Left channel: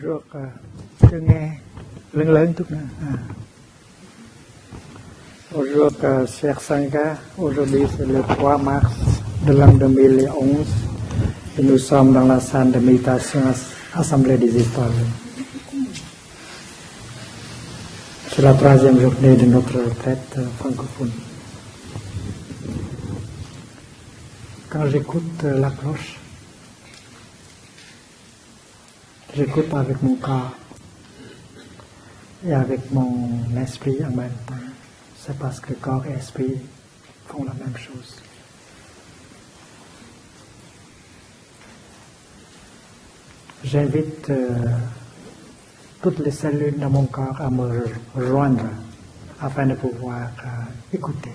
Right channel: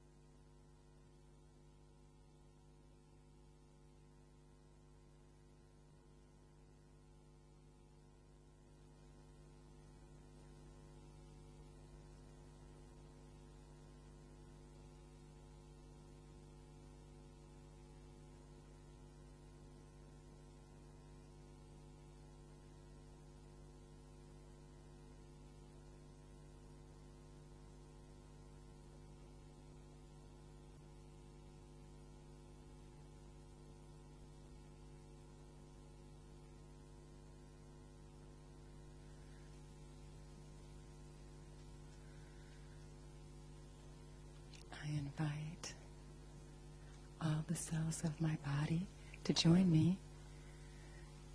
Bonjour, chưa nghe lớn lớn chút nữa. Bonjour, chers Sangha. Aujourd'hui, c'est le 3 mars de l'an 2011 et nous sommes dans la salle de méditation Assemblée des Étoiles. C'est la 3e journée de notre retraite francophone. Quand j'écoute la cloche, j'écoute avec mon corps et avec mon esprit en même temps. C'est parce que corps et esprit font la même chose. J'invite toutes les cellules de mon corps à me rejoindre afin de pouvoir écouter.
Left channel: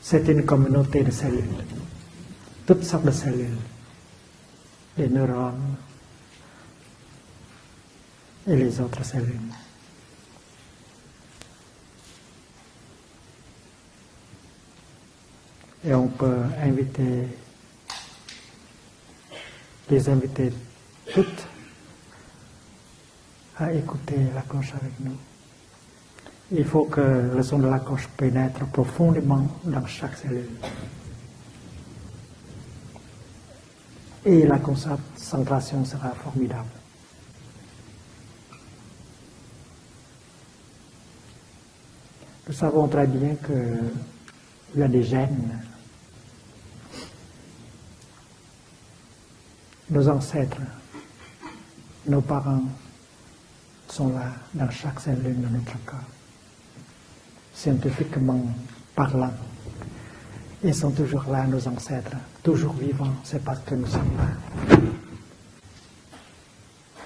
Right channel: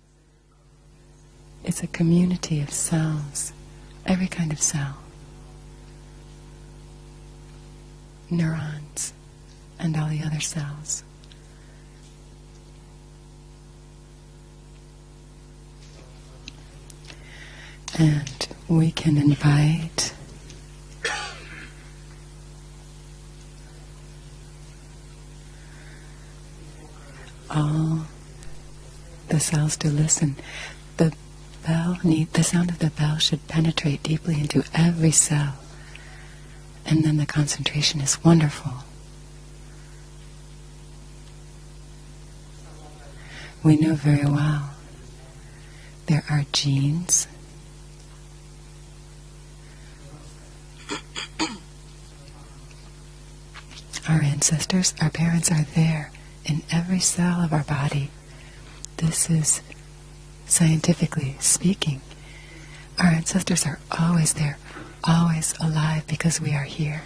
C'est une communauté de cellules. It's a community of Toutes sortes de cells. cellules. Every kind of cell. Les neurones et les autres Neurons cellules. and all the other cells. Et on peut inviter, And we can invite les inviter toutes à écouter la cloche avec nous. Il faut que le son de la cloche pénètre profondément the cells dans to chaque listen. cellule. The sound of the bell should penetrate deeply Et la into every cell. concentration sera formidable. And then the concentration is wonderful. Nous savons très bien We qu'il know very well y a des gènes. there are genes. Nos ancêtres, nos parents sont Our ancestors, our parents are there in every cell of our body. scientifiquement This parlant. is Ils sont toujours scientifically là, nos speaking. ancêtres, toujours vivants. Our ancestors parce que are nous sommes always là. there, always alive because we are here.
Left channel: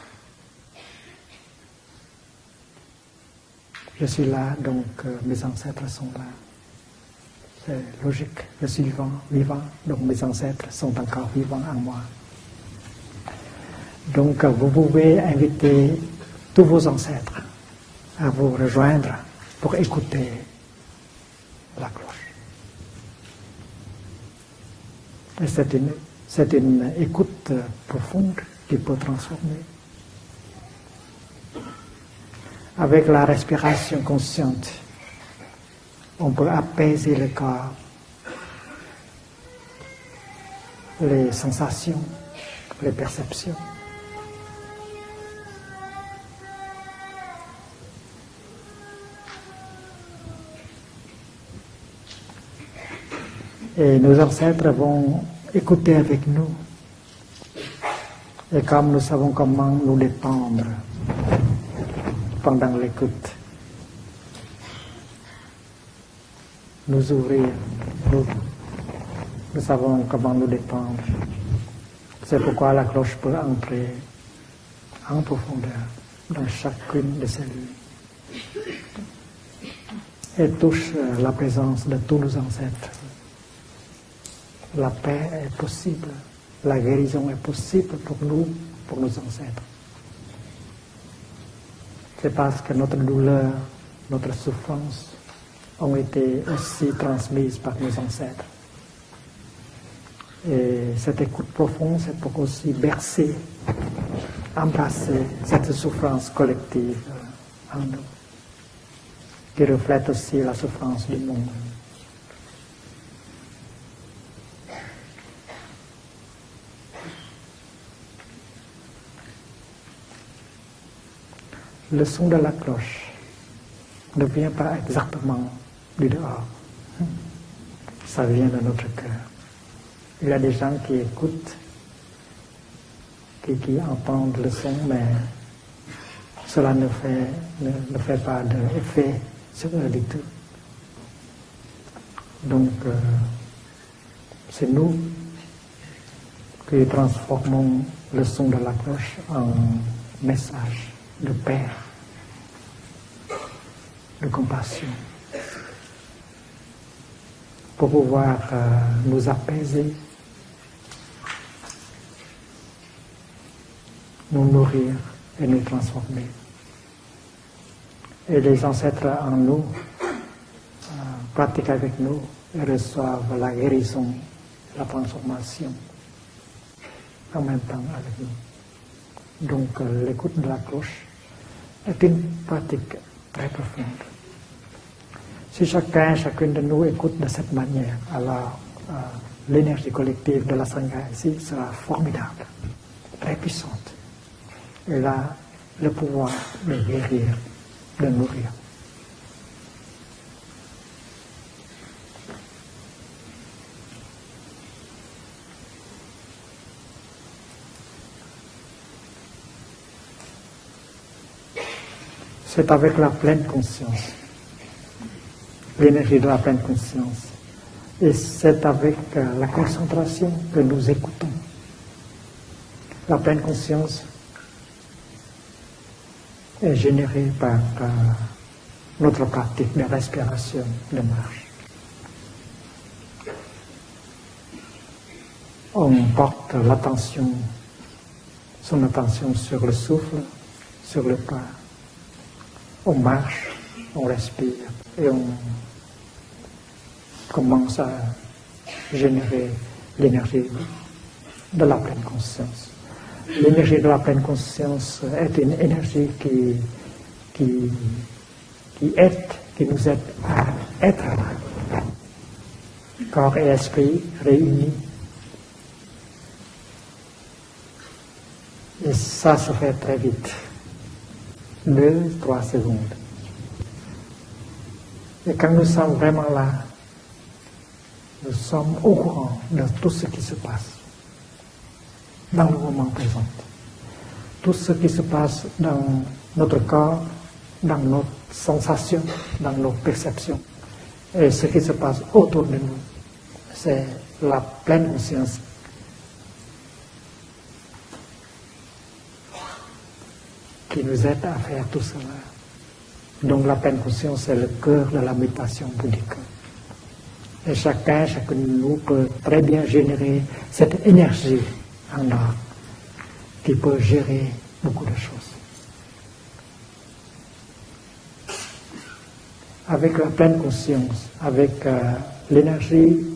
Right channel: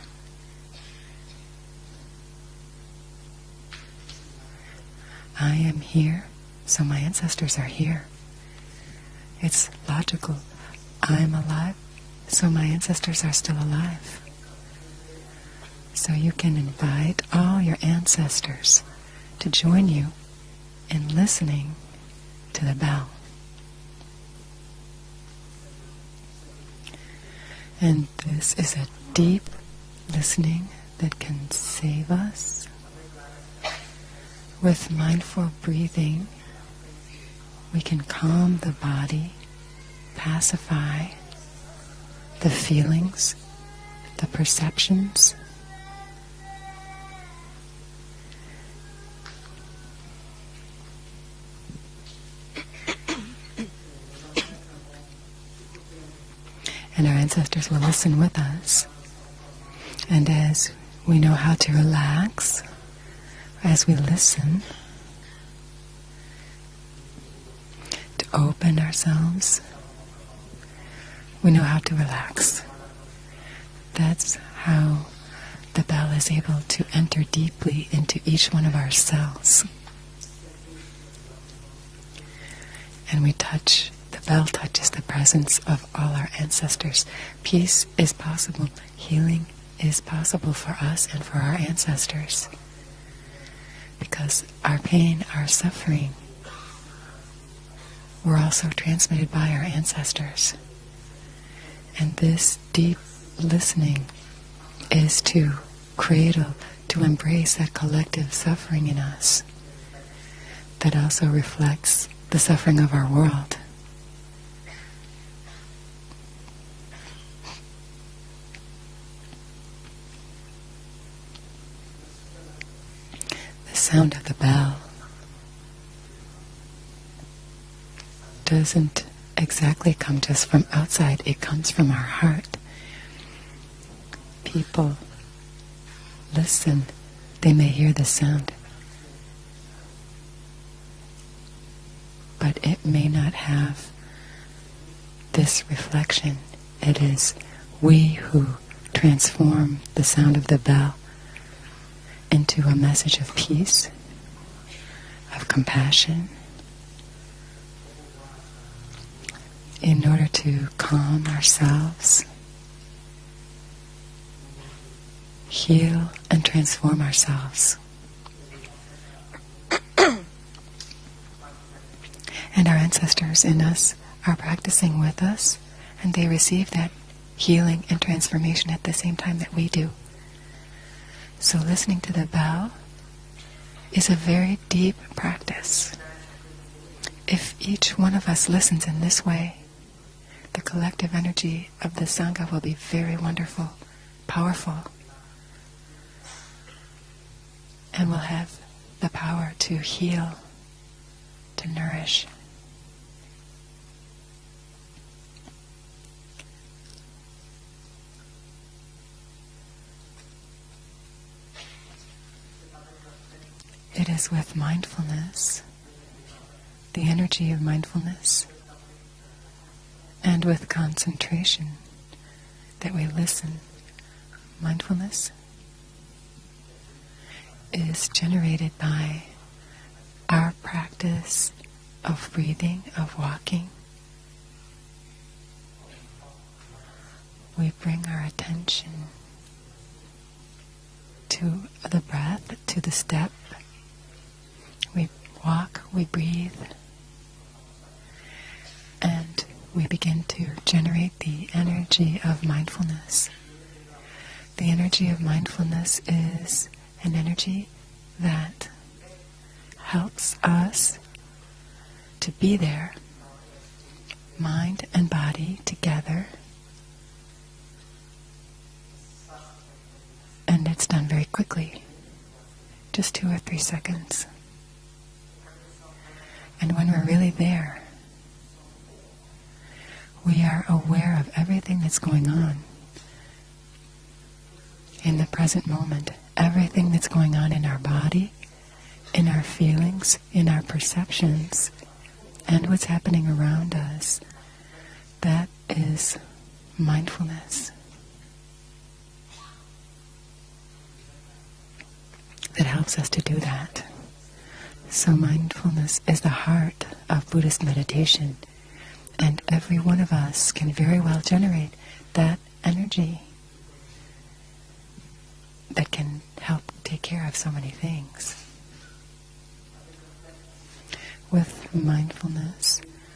Je suis là, donc mes I am ancêtres sont here, là. so my ancestors are C'est here. logique, je suis vivant, donc mes logical. ancêtres sont encore I'm vivants en alive, moi. so my ancestors are still alive. Donc vous pouvez inviter So you can tous vos invite ancêtres all your à vous ancestors rejoindre to pour join you écouter in listening la cloche. to the bell. Et c'est une écoute And profonde this is qui peut a deep transformer. listening that can save us. Avec la respiration consciente, With mindful breathing, on peut apaiser le corps, we can calm the body, pacify les sensations, the les feelings, perceptions. the perceptions. Et nos ancêtres vont écouter avec nous. And our ancestors will listen with Et us. comme nous savons comment nous And détendre as we know how to relax, pendant l'écoute, as we listen, nous ouvrir, nous open ourselves, nous savons comment nous détendre. we know how to C'est relax. pourquoi la cloche peut entrer That's how en profondeur the bell is able to enter deeply into each one of our cells. et touche la présence de tous nos ancêtres. And we touch, the bell touches the presence of all our ancestors. Peace is possible, healing is possible for us and for our C'est ancestors. parce que notre douleur, notre Because our souffrance pain, our ont suffering été aussi transmises par nos were ancêtres. also transmitted by our ancestors. Et cette écoute profonde, And c'est this aussi deep bercer, listening embrasser is to cette souffrance cradle, collective to embrace that collective suffering in us qui reflète aussi la that souffrance du also monde. reflects the suffering of our world. Le son de la cloche The sound ne of the vient pas bell exactement du dehors. Ça vient de notre doesn't cœur. exactly come to Il y a us des from gens qui outside, écoutent. it comes from our heart. Qui entendent le son, People mais cela ne fait, They may hear the ne fait pas sound. d'effet sur eux du tout. But Donc, it may not have c'est nous this reflection. qui It is transformons we le son who de la cloche transform the sound of the message bell de paix, into a message of peace, de compassion, of compassion, pour pouvoir nous apaiser, in order to calm ourselves, nous nourrir et nous heal, transformer. and transform ourselves. Et les ancêtres en nous pratiquent avec nous. And our reçoivent ancestors la in us guérison, are la practicing with us, transformation. and they receive that healing and transformation at the same time that we Donc, do. l'écoute de la cloche So listening est to the une bell pratique très profonde. is a very deep Si practice. chacun, chacune de nous écoute de If cette manière, each one of us alors, listens in this way, l'énergie collective de the la Sangha collective ici energy sera of the formidable, Sangha will be very très wonderful, puissante. powerful, Elle a le pouvoir de guérir, de and will nourrir. have the power to heal, to nourish. C'est avec la pleine conscience, It is with mindfulness, l'énergie de la pleine the conscience. energy of Et mindfulness, c'est avec la concentration and que with nous écoutons. concentration that we La pleine listen. conscience Mindfulness est générée par is generated by notre pratique de our respiration, de marche. practice of breathing, of walking. On porte l'attention, We bring our son attention attention sur le souffle, sur le pas. to the breath, to the On step. marche, on respire We et on walk, we breathe, commence à générer we begin l'énergie. to generate the de la energy pleine of conscience. mindfulness. L'énergie de la pleine The conscience energy of est une mindfulness énergie is an energy qui that aide, qui nous aide helps à us être là. to be there, Corps et esprit réunis. mind and body together, Et ça se fait très vite. and it's done very quickly, 2-3 secondes. just 2 or 3 seconds. Et quand nous sommes vraiment là, And when we're really there, nous sommes au courant de tout ce qui se we are passe aware of everything that's going dans le on moment présent. Tout ce qui se in the passe present dans moment, notre everything corps, that's going on in dans our nos body, sensations, in our dans nos feelings, perceptions. in our Et ce qui se perceptions, passe autour de and nous, what's happening around us. c'est la pleine conscience That is mindfulness qui nous aide à faire tout cela. that helps us to do Donc la that. pleine conscience, c'est le cœur de So la méditation mindfulness bouddhique. is the heart of Et Buddhist chacun, meditation. chacun de nous peut très And bien every one générer of us can cette very well énergie generate en nous that energy qui peut gérer beaucoup de choses. that can help take care of so many things. Avec la pleine conscience, avec l'énergie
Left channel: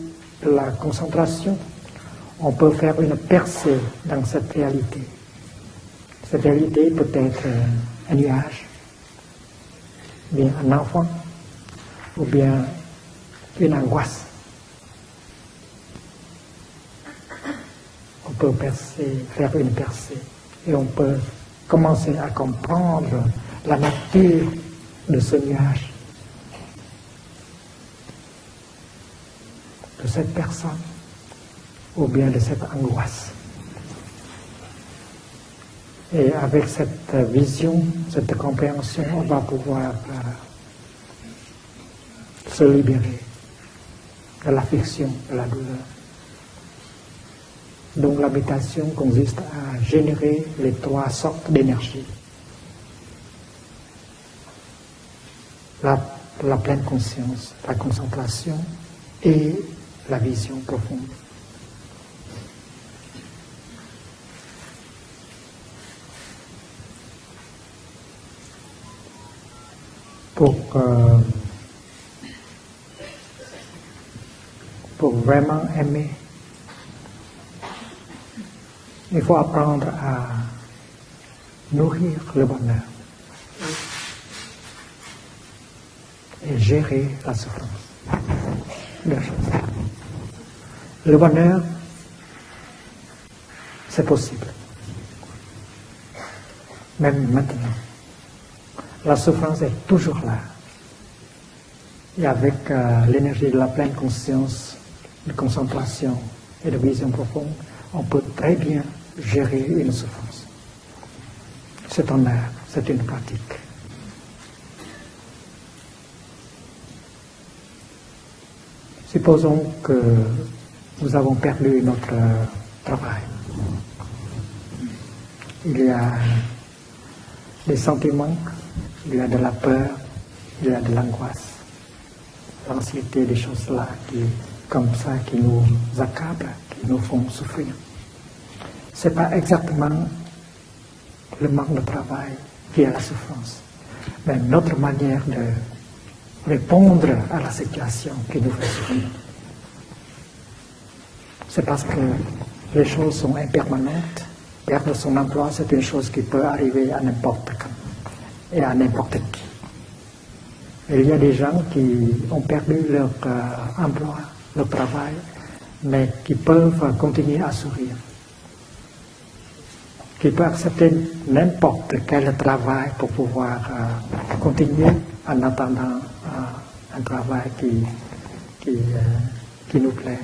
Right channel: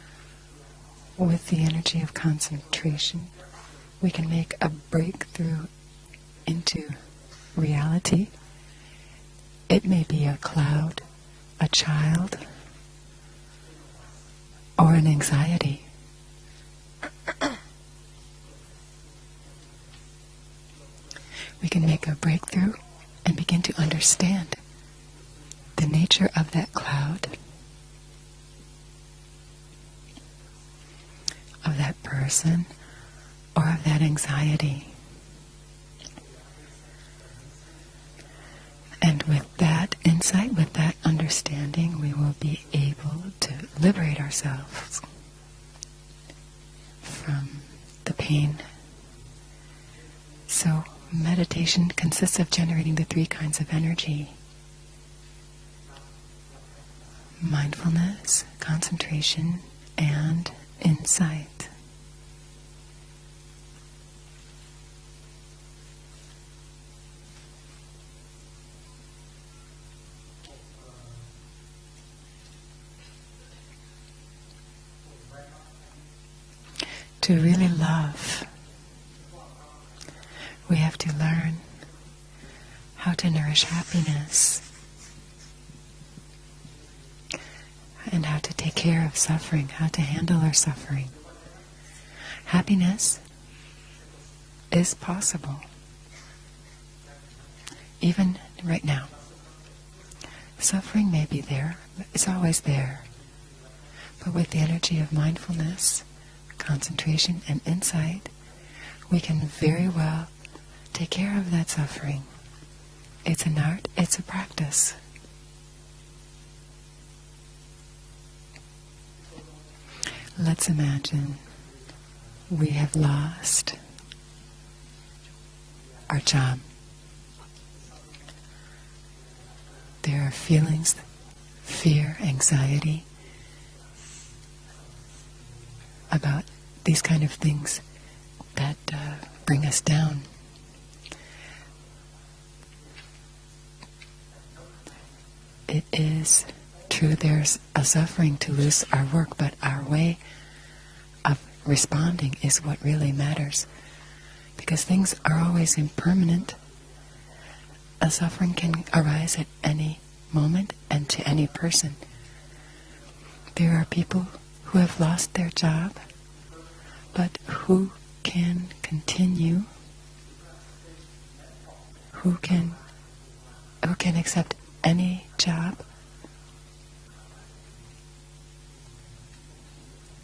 de la With concentration, the energy of on peut faire concentration, une percée we dans can cette make a réalité. breakthrough. Cette réalité peut être un reality. nuage, It may be a ou bien un cloud, enfant, a ou child, bien une angoisse. or an anxiety. On peut faire une percée et on peut We can make commencer a à breakthrough comprendre and begin to la nature understand de ce nuage, the nature of that cloud, de cette personne, of that ou bien de person, cette angoisse. or of that anxiety. Et avec cette vision, cette compréhension, And on va with pouvoir that insight, with that understanding, we will be se libérer able to liberate de ourselves l'affliction, de la douleur. from Donc the la pain. méditation consiste à générer So les 3 sortes meditation d'énergie. consists of generating the 3 kinds of energy: La pleine conscience, la mindfulness, concentration concentration, et la vision and profonde. insight. Pour vraiment aimer, To really love, il faut apprendre à we have to learn nourrir le bonheur how to nourish happiness et gérer la souffrance. and how to take care of suffering, how to handle our suffering. Le bonheur, Happiness c'est possible, is possible, même maintenant. even right now. La souffrance est toujours là. Suffering may be there, it's Et always avec there. l'énergie de la pleine With conscience, the energy of de mindfulness, concentration, et de vision concentration, profonde, and on insight, peut très bien we can gérer very une well souffrance. take care of that C'est suffering. un art, c'est une pratique. It's an art, it's a practice. Supposons que Let's nous imagine avons perdu notre we have travail. lost Il y a our job. des sentiments, il y a de la peur, There are il y a feelings, de l'angoisse, fear, anxiety, l'anxiété, des choses là comme ça, qui nous accablent, about qui nous these kind font of souffrir. things that Ce n'est pas bring us exactement down. le manque de travail qui est la souffrance, mais notre manière de It is répondre true à la there's a situation suffering qui to nous lose fait our work, but our way of C'est parce que responding is what les really choses sont matters. impermanentes. Because Perdre things son are emploi, always c'est une chose qui peut impermanent. arriver à n'importe quand. A suffering Et à can n'importe arise qui. at any moment Il and y a to des any gens person. qui ont perdu leur There are people emploi, leur who have travail, lost their job, mais qui peuvent but continuer à who sourire, can continue, qui peuvent accepter n'importe quel Who can- travail pour pouvoir who can accept continuer any en job. attendant un travail qui nous plaît.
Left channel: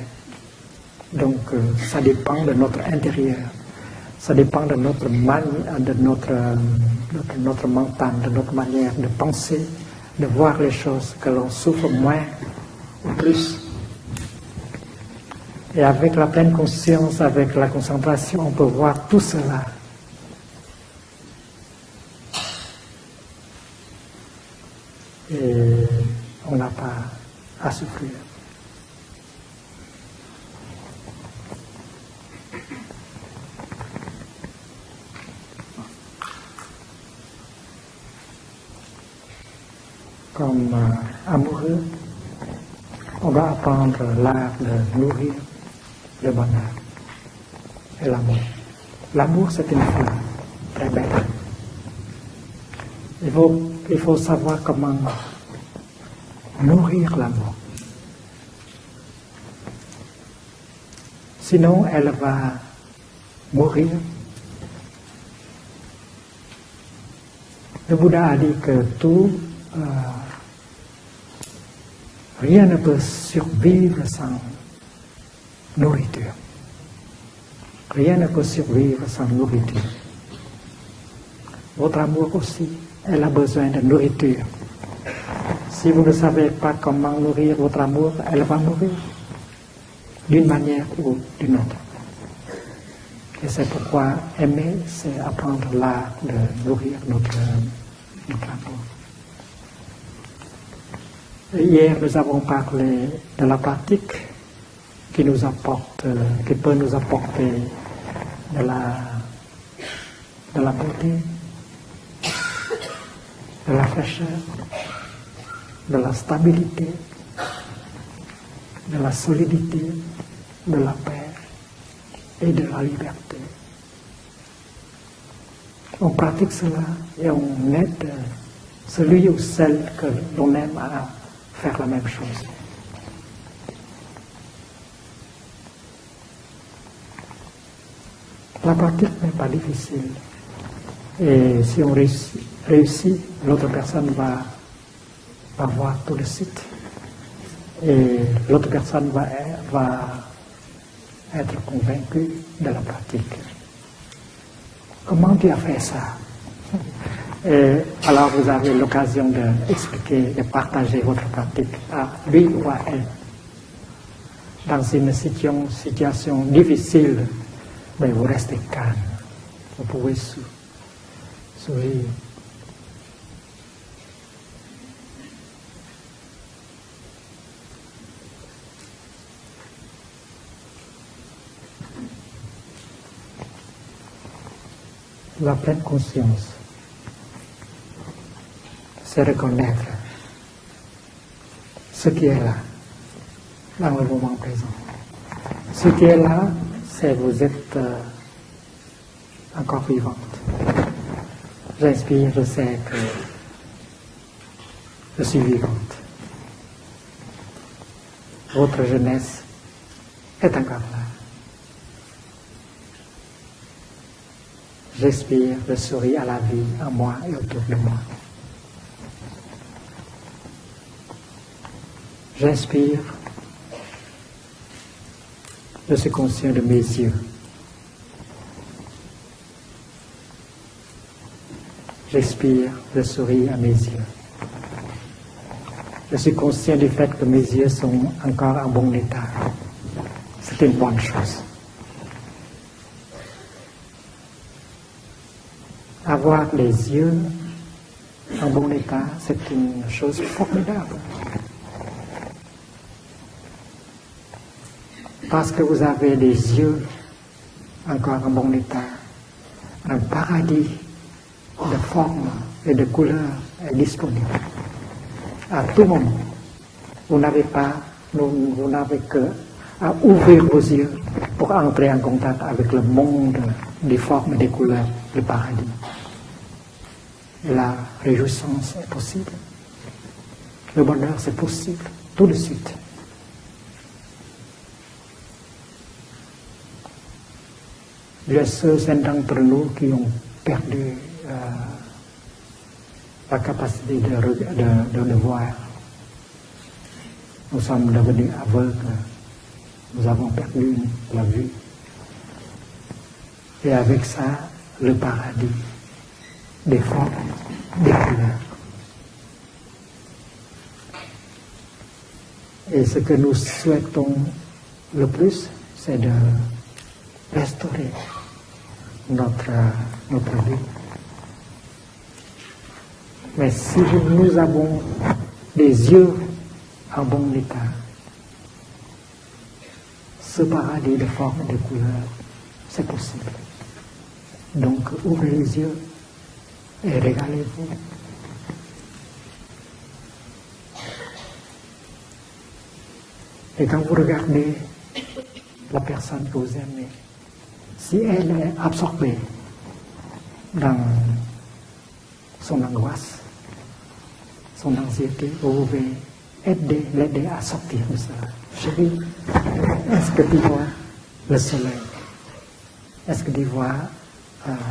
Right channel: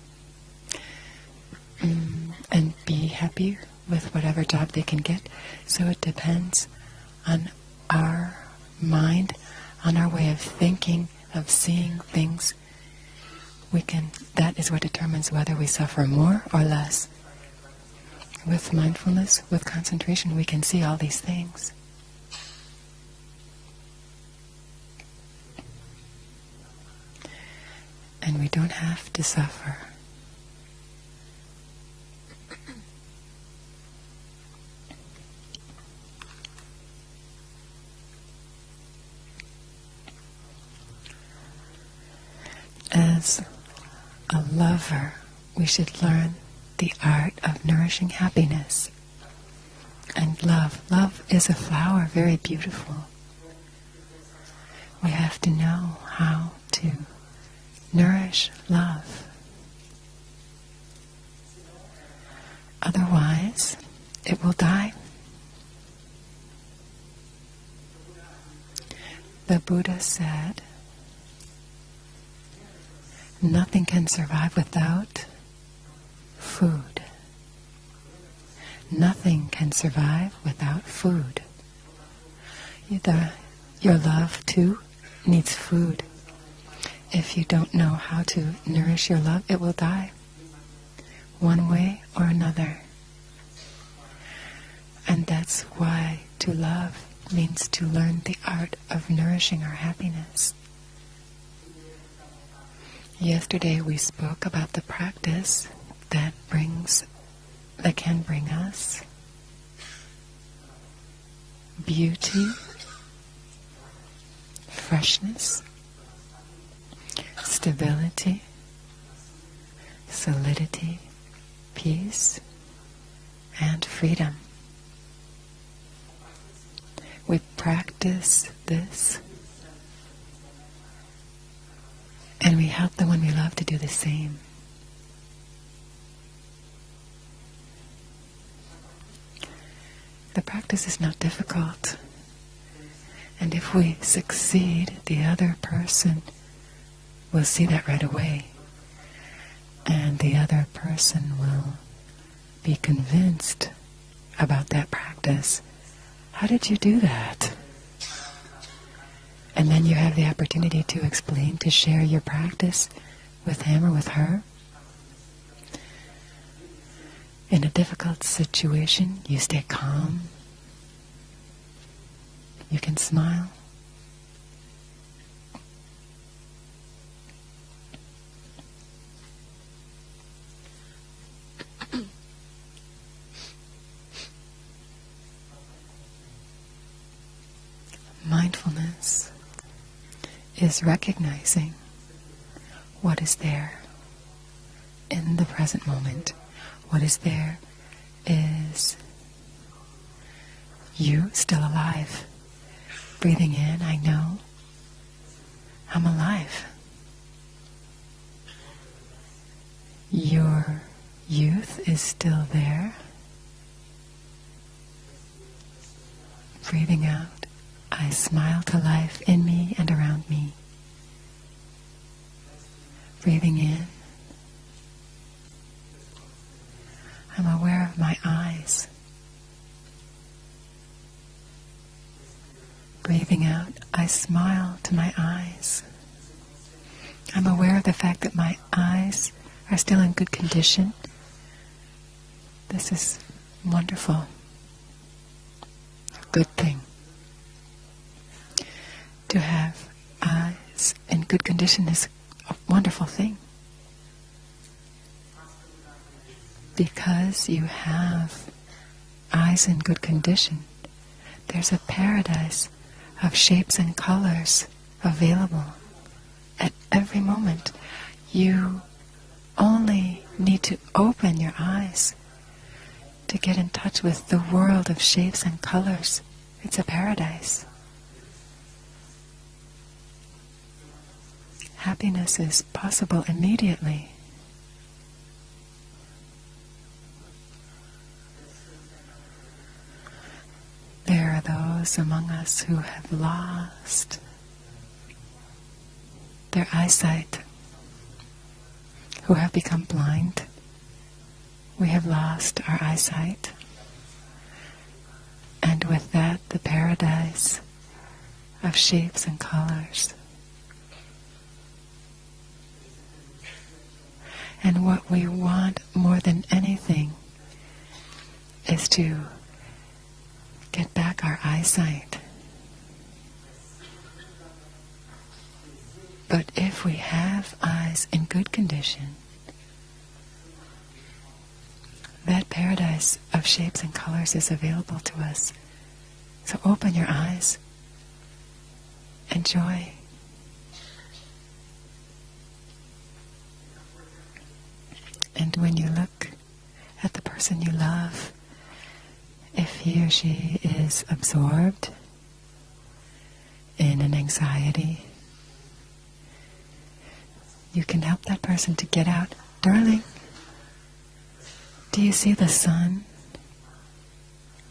Donc, ça dépend de and notre be intérieur. happy with Ça whatever dépend job de they can notre, get. So it depends notre mental, de notre manière de mind, penser, on our de way voir of les thinking, choses, que l'on of souffre seeing moins things. ou plus. That is what determines whether we Et suffer avec la more pleine or less. conscience, avec la concentration, on With peut voir tout mindfulness, cela. with concentration, we can see all these things. Et on n'a pas à souffrir. And we don't have to suffer. Comme amoureux, on As va apprendre l'art a de lover, nourrir we should le learn bonheur. the art of nourishing L'amour. happiness. L'amour, c'est une fleur. And love. Love is a flower, very beautiful. Il faut savoir comment We have to know how nourrir to l'amour. nourish love. Sinon, elle va Otherwise, mourir. it will die. Le Bouddha a dit que The Buddha said, rien ne peut nothing survivre can sans survive without nourriture. food. Rien ne peut survivre sans Nothing can nourriture. survive without food. Votre amour aussi, elle a besoin de Your nourriture. love too needs Si vous food. ne savez pas comment If you nourrir don't votre know amour, how elle va to mourir nourish your love, it will die d'une manière ou d'une one autre. way or another. Et c'est pourquoi aimer, c'est And that's apprendre why l'art to de nourrir love notre means to learn the art of nourishing our happiness. Hier, nous avons parlé de la Yesterday we pratique spoke about the qui nous practice apporte, that qui peut nous brings, apporter that can bring de us la beauté, beauty, de la fraîcheur, freshness, de la stabilité, stability, de la solidité, de solidity, la paix peace, et de la liberté. and freedom. On pratique cela et We on aide practice this, celui ou celle que l'on aime à faire la même chose. and we help the one we love to do the same. La pratique n'est pas difficile. The practice is not Et si on difficult. réussit, And l'autre if we personne succeed, the other va voir tout person de suite. will see that Et right away. l'autre personne va And the other person will être convaincue de be la pratique. convinced about that Comment tu as practice. fait ça? How did you do that? Et alors vous avez l'occasion de And then you have the expliquer, de opportunity partager to votre explain, to pratique share à your lui ou à practice elle with him or with her. dans une situation difficile. In a difficult vous restez situation, calme. you stay Vous calm. pouvez sourire. You can smile. La pleine conscience, Mindfulness c'est reconnaître is recognizing ce qui est là, what is there dans le moment présent. in the present Ce qui est moment. là, What c'est is vous there êtes is encore vivante. you still alive. J'inspire, je sais que Breathing in, I know je suis vivant. I'm alive. Votre jeunesse Your est encore là. youth is still there. J'inspire, je souris à la vie, à Breathing moi out, et autour de moi. I smile to life in me and around me. J'inspire, Breathing in, je suis conscient de mes yeux. I'm aware of my eyes. J'expire, je souris Breathing à mes out, yeux. I smile to my eyes. Je suis conscient du fait que mes I'm yeux aware of sont the fact that encore en bon my état. eyes are still in good C'est une condition. bonne chose. This is wonderful. Avoir Good les thing. yeux en bon état, c'est To une have chose eyes formidable. in good condition is a wonderful thing Parce que vous avez les yeux because you encore en have bon état. eyes in Un good condition. paradis There's en a forme paradise et de couleurs of shapes est and disponible. colors available À tout moment, at vous every n'avez moment. pas Nous n'avons que à only ouvrir vos need to yeux open pour your entrer en eyes contact avec le monde to get in des touch with formes, des the couleurs, world of du shapes and paradis. colors. It's a paradise. La réjouissance est possible. Le bonheur, c'est possible. Tout de Happiness is suite. possible immediately. Il y a ceux d'entre nous qui ont perdu There are those among us who la have capacité lost de le voir. their eyesight, Nous sommes devenus aveugles. who have become Nous avons blind. perdu la vue. We have lost our eyesight. Et avec ça, le paradis And with that, the des formes, paradise des couleurs. of shapes and colors. Et ce que nous souhaitons And what le we plus, want c'est more de than anything restaurer is to notre vue. get back our eyesight. Mais si nous avons des yeux, But if we en bon have état, eyes in good condition, ce paradis de formes et de couleurs, that paradise of shapes and colors is donc available to ouvrez us. les yeux So open et your eyes, réveillez-vous. enjoy. Et quand vous regardez And when la you personne look que vous aimez, at the person you si love, elle est absorbée, if he or she Dans is absorbed son angoisse, in an son anxiety, anxiété, vous pouvez l'aider à sortir you de can ça. help that person to get out. Darling, Est-ce que tu vois le soleil? do you see the sun? Est-ce que tu vois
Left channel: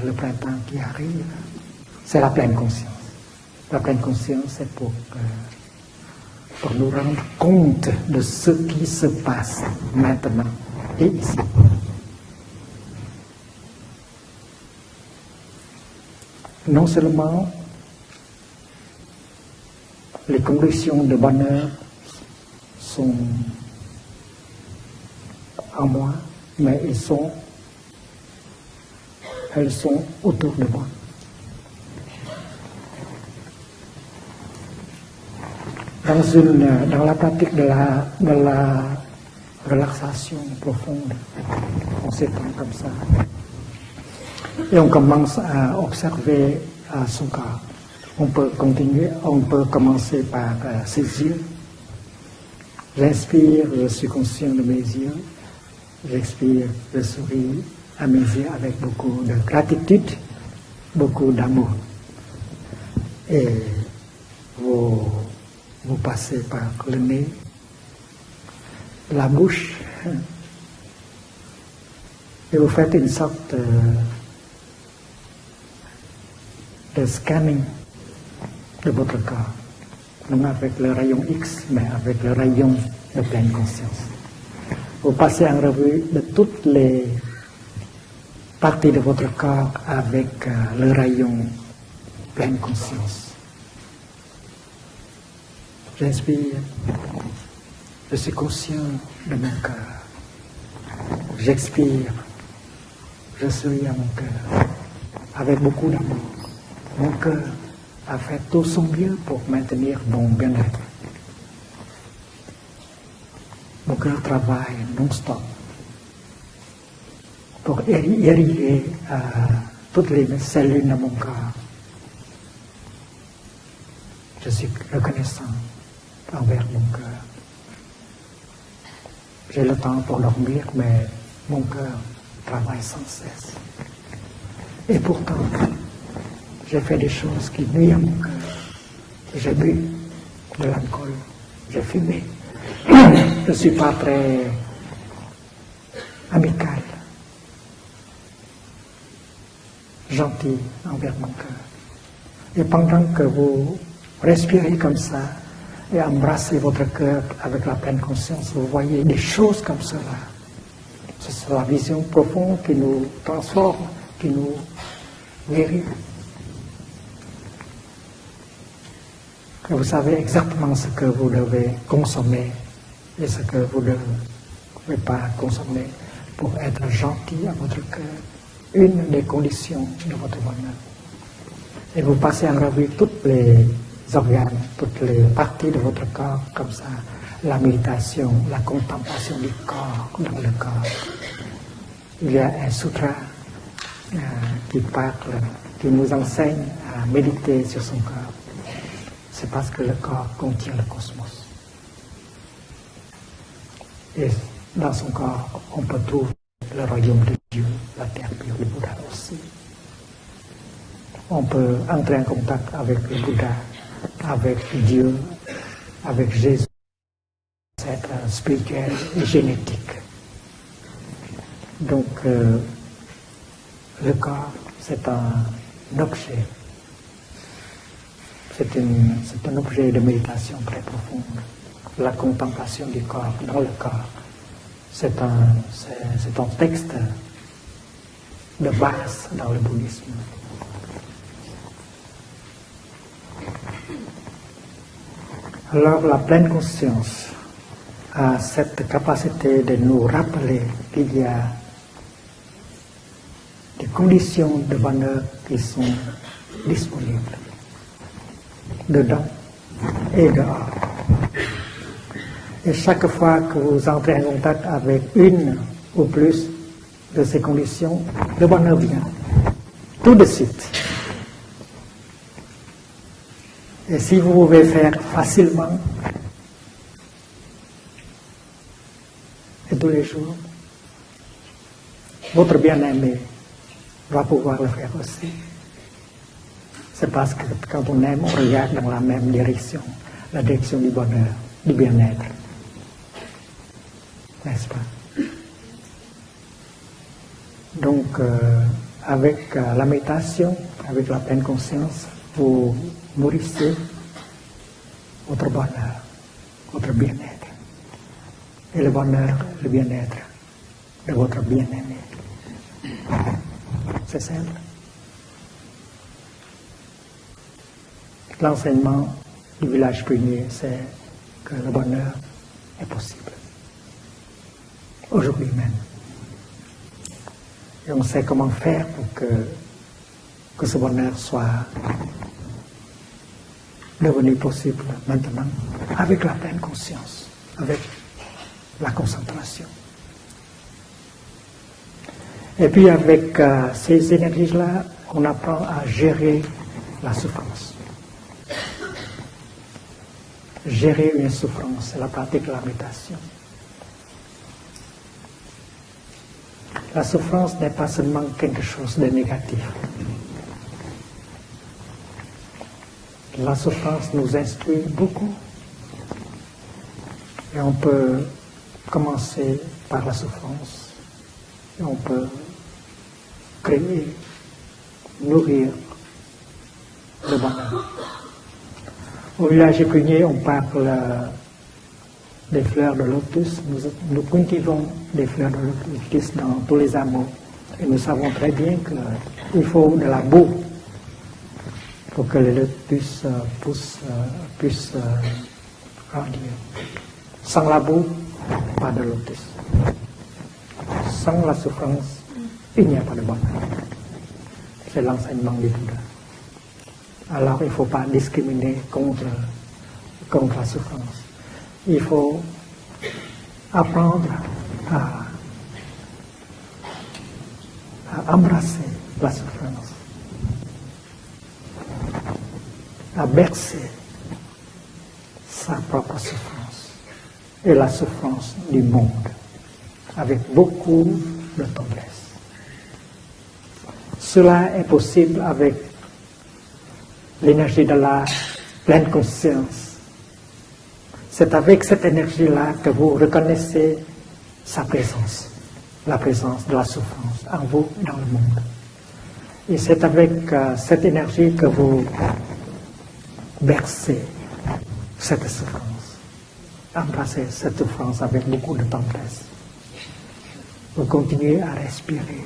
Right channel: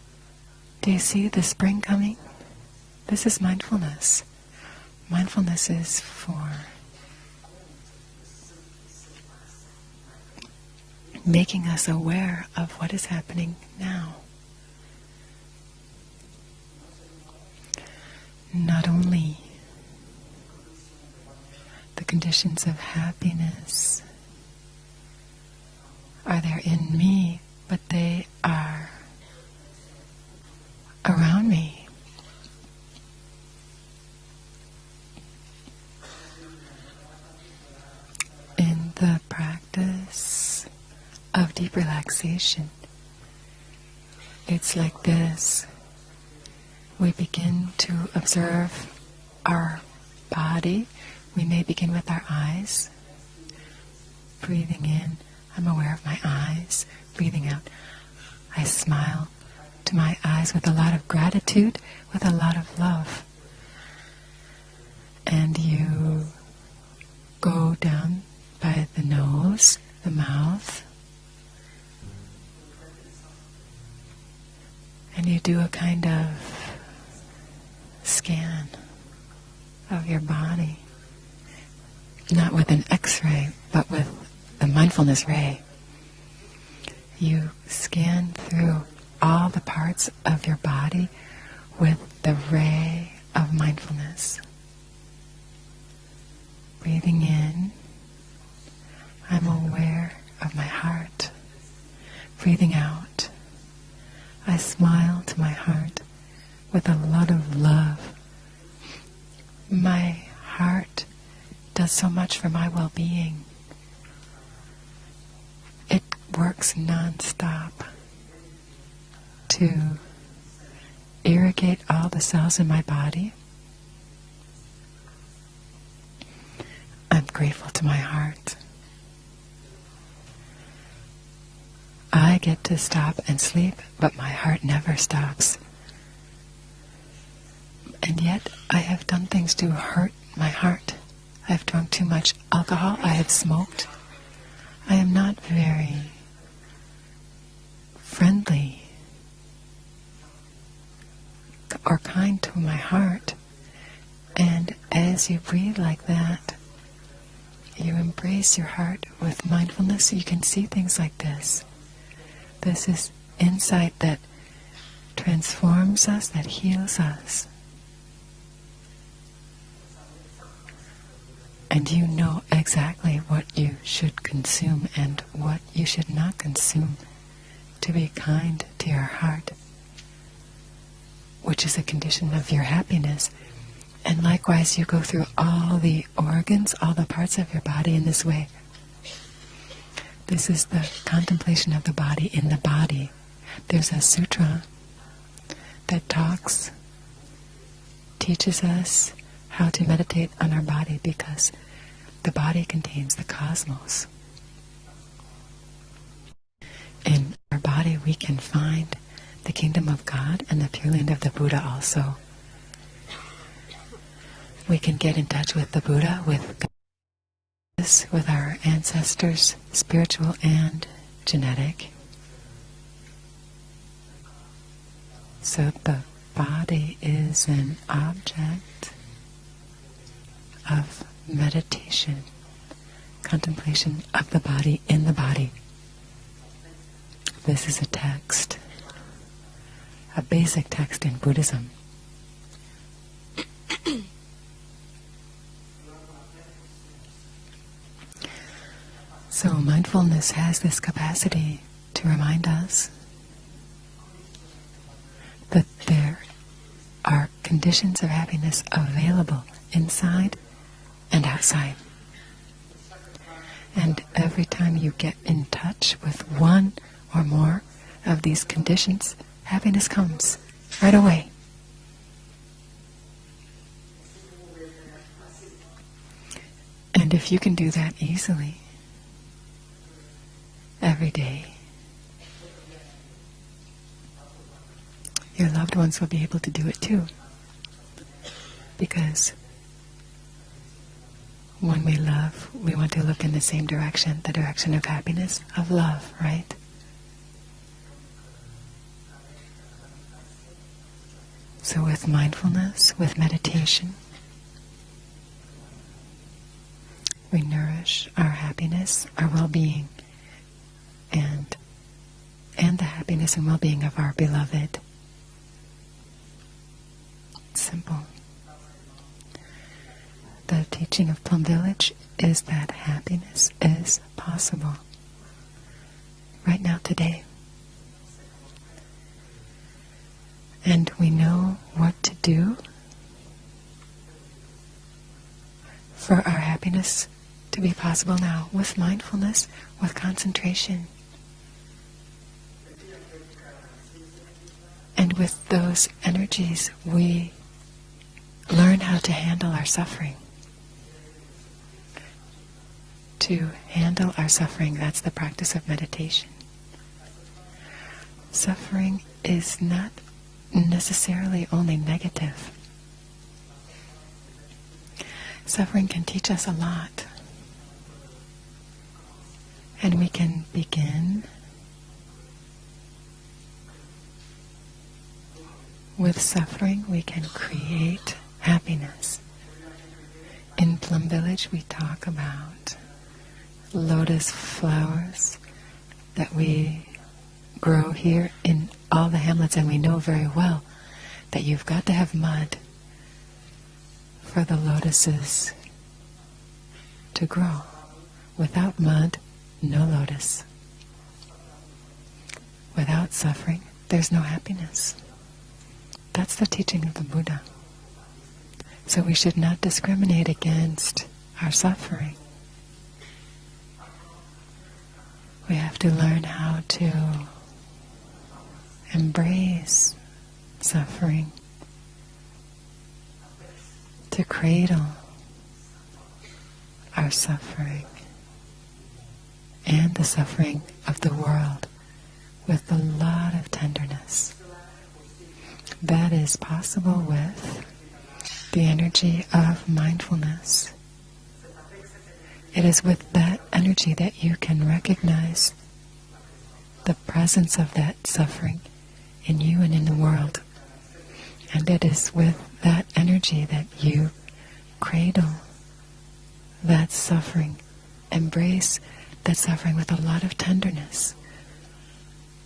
le printemps qui Do you see arrive? the spring coming? C'est la pleine conscience. This is La pleine mindfulness. conscience, c'est Mindfulness is pour nous rendre compte de ce qui se passe maintenant et ici. making us aware of what is happening now. Non seulement Not only les conditions de bonheur the conditions of happiness en moi, are there mais in elles me, but they are sont autour de moi. around me. Dans la pratique de la In the relaxation practice profonde, of deep on fait relaxation, comme ça. it's Et on like commence this. à observer We son corps. begin to On peut observe continuer, on peut our commencer par body. ses yeux. We may begin with our eyes. J'inspire, je suis conscient de mes Breathing yeux. in, I'm aware of my J'expire, eyes. je Breathing souris out, à mes yeux I avec beaucoup smile de to gratitude. my eyes with a lot of Beaucoup gratitude, d'amour. with a lot of love. Et vous And you passez par le nez, go down by the la nose, bouche, the mouth, et vous faites une sorte and you do a kind of de scanning scan de votre corps. of your Non mind. avec le rayon X, mais avec le Not rayon with de an pleine X-ray, conscience. but with the Vous mindfulness passez en ray. revue de toutes les You scan through parties de votre all the corps parts avec of your le body rayon. with the pleine ray conscience. of mindfulness. J'inspire, Breathing in, je suis conscient de I'm mon cœur. aware of my heart. J'expire, Breathing out, je souris à mon cœur. I smile to my Avec beaucoup heart d'amour. with a Mon lot cœur of love. a fait tout son mieux pour maintenir mon My bien-être. heart does so much for my well-being. Mon cœur travaille non-stop It works non-stop pour irriguer To toutes les cellules de mon corps. irrigate all the cells in my body. Je suis reconnaissant envers mon cœur. I'm grateful to my heart. J'ai le temps pour dormir, mais mon cœur I get to travaille stop sans cesse. and sleep, but my heart never Et stops. pourtant, j'ai fait des choses qui nuisent à mon And cœur. yet, I have done things J'ai to bu hurt my de heart. l'alcool. I've J'ai drunk too fumé. much alcohol. I Je ne suis smoked. pas très I am not very amical, friendly gentil envers mon cœur. or kind to Et my pendant que heart. vous respirez comme And ça as you breathe like et that, embrassez votre cœur avec la pleine you conscience, embrace vous your heart voyez des with choses comme mindfulness, ça. you can see things like C'est this. la vision profonde qui This nous is transforme, insight that qui nous... transforms us, that heals us. Et vous savez exactement ce que vous devez And you know consommer exactly et ce what que vous you ne should consume devez and pas what consommer you should not pour consume être gentil à votre to be cœur. kind to Une your des heart, conditions de votre bonheur. which is a Et vous condition passez of en your revue toutes happiness. les And organes, likewise, you go toutes les through all parties de the votre corps, comme organs, ça. all the parts of La your body in this méditation, way. la contemplation du corps, de This le is corps. the contemplation of the body Il y a in the un body. sutra There's a sutra qui parle, qui that nous talks, enseigne à méditer sur son corps. teaches us C'est how parce to que le meditate corps on our contient le body cosmos. because The body contains the cosmos. Et dans son corps, on peut trouver le royaume de In the body, we can find the kingdom of God and the Pure Land of the On Buddha peut also. entrer en contact avec le Bouddha, avec We can Dieu, get in touch with the Buddha, avec with Jésus, Jesus, with our spirituel et ancestors, génétique. spiritual and genetic. Donc, le corps, c'est So un the objet. body is an object C'est un objet de méditation très of profond. meditation, La contemplation du corps dans le contemplation corps. of the body in the C'est body. un texte This is a text, de base dans le bouddhisme. a basic text in Buddhism. Alors, la pleine conscience a cette capacité So de nous mindfulness rappeler has this qu'il y capacity a to remind us des conditions de bonheur qui that sont there are disponibles conditions of happiness available et inside dehors. and outside. Et chaque fois que vous And entrez en every contact time you avec get une in touch ou with plus one de or ces more conditions, of these le bonheur vient conditions, happiness tout de comes suite. right away. Et si vous pouvez faire facilement And if you can do that easily et tous les jours, every day, votre bien-aimé va pouvoir le faire aussi. your loved ones will be able to do it too. C'est parce que quand on aime, on regarde dans la même direction, la direction du bonheur, du When we bien-être. love, we want to look in the same direction, the direction of happiness, of love, right? Donc, avec la méditation, avec la pleine So conscience, with vous mindfulness, with nourrissez meditation, votre bonheur, votre we bien-être. nourish our Et le happiness, our bonheur, le well-being, bien-être de votre bien-aimé. and the happiness and well-being of our C'est ça. beloved. It's simple. L'enseignement du village pionnier, The c'est teaching of Plum le Village bonheur is that happiness is possible aujourd'hui même. right now, today. Et on sait comment faire pour que ce And we bonheur know soit what to do devenu possible maintenant for avec our la happiness conscience, to be avec possible now with la mindfulness, concentration. with concentration. Et puis avec ces énergies-là, And on with apprend à those gérer energies, we la souffrance. learn how to handle our suffering. Gérer une souffrance, c'est la pratique de la méditation. To handle our suffering, that's the practice of meditation. La souffrance n'est pas seulement quelque chose de Suffering is négatif. not necessarily only negative. La souffrance nous instruit beaucoup Suffering can teach us a lot, et on peut commencer and par we la can souffrance. begin Et on peut créer, nourrir. with suffering. We can Le bonheur. create happiness. Au village épinier, on In parle Plum Village, we talk about des fleurs de lotus. Nous Lotus cultivons flowers des fleurs de lotus that dans we tous les hameaux. grow Nous savons here très bien in all the hamlets, qu'il and we faut know de la very boue well that you've got to have pour que les mud lotus poussent, for the puissent lotuses grandir. to grow. Sans la boue, Without pas de mud, lotus. no lotus. Sans la souffrance, il n'y a Without pas de bonheur. suffering, there's no happiness. C'est l'enseignement du Bouddha. That's the teaching of the Buddha. Alors il ne faut pas discriminer So we contre. should not discriminate contre la against souffrance. our suffering. Il faut apprendre à We have to learn how to embrasser la souffrance, embrace suffering, à bercer to cradle sa propre souffrance our et suffering la souffrance du monde and the avec suffering beaucoup of the de world tendresse. with a lot of tenderness. Cela est possible avec That is possible with l'énergie de la the pleine energy of conscience. mindfulness. C'est avec cette It énergie-là is que vous with that energy reconnaissez that you can sa recognize présence, la présence de la the souffrance presence en of vous that dans le suffering monde. in you and Et in c'est the world. avec cette énergie que And it vous is with that energy that bercez you cradle cette souffrance, that embrassez suffering, cette souffrance avec embrace beaucoup de that tendresse. suffering with a lot of Vous tenderness. continuez à respirer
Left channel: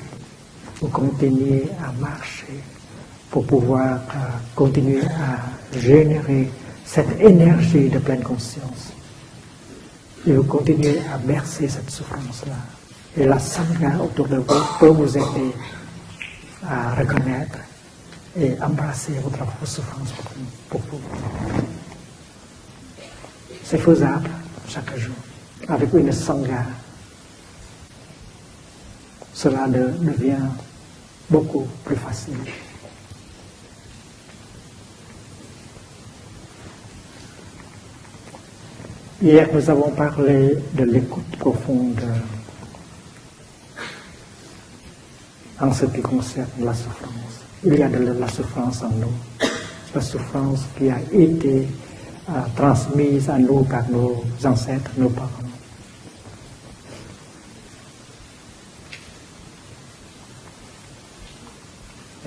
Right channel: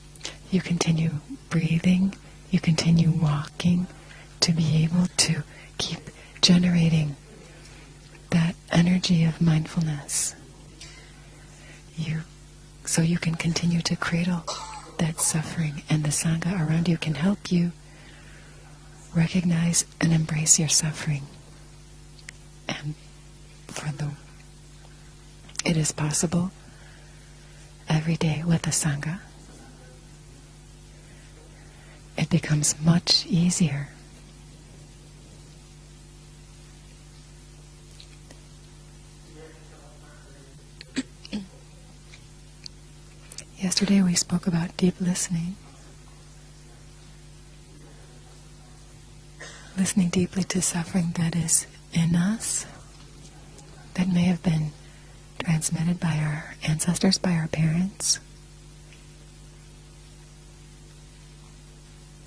You continue continuez à breathing, marcher you continue pour walking pouvoir to be continuer able to à générer generate cette énergie de pleine that conscience. energy of mindfulness. Et vous continuez à bercer cette souffrance-là. So you Et can la continue Sangha to autour de cradle vous peut vous that aider suffering, and the Sangha à around you can help reconnaître you et embrasser votre propre recognize souffrance. and embrace your suffering. And C'est faisable chaque jour. It Avec is une possible. Sangha, every day with the Sangha, cela devient beaucoup plus it facile. becomes much Hier, nous avons parlé de l'écoute profonde Yesterday we spoke about deep listening, en ce qui concerne la souffrance. Il y a de la souffrance en nous. La listening deeply to souffrance qui a suffering that is été in us, transmise à nous par nos may have been ancêtres, nos parents. transmitted by our ancestors, by our parents.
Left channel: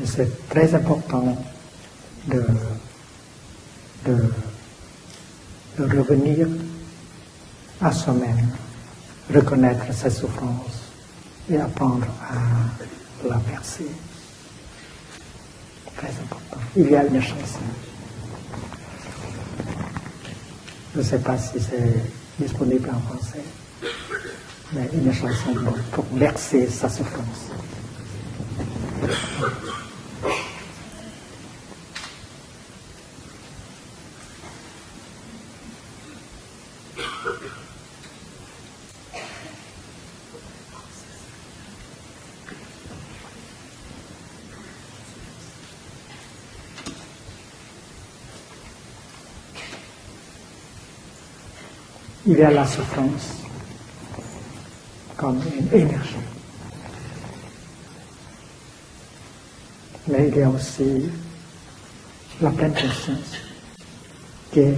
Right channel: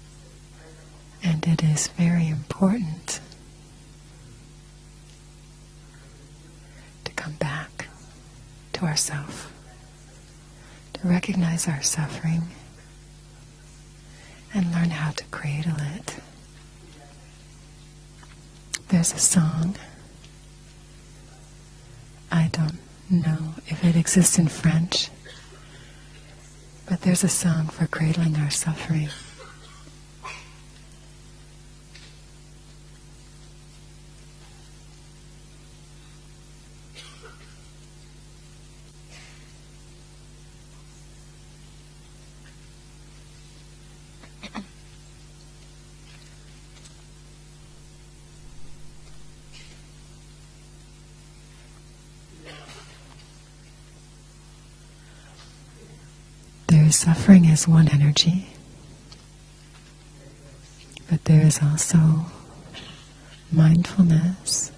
Et c'est très important And it is very Yeah. important de revenir to come back à soi-même, to ourselves, reconnaître cette souffrance to et recognize our apprendre suffering, à la percer. and learn how to cradle Très it. important. Il y a une chanson. There's a song, Je ne sais pas si c'est I don't disponible en know français. if it exists in Mais French, une chanson pour bercer sa but there's a souffrance. song for cradling our suffering. Il y a la souffrance comme une énergie. There is suffering as one energy, Mais il y a aussi but there is also la pleine conscience qui mindfulness est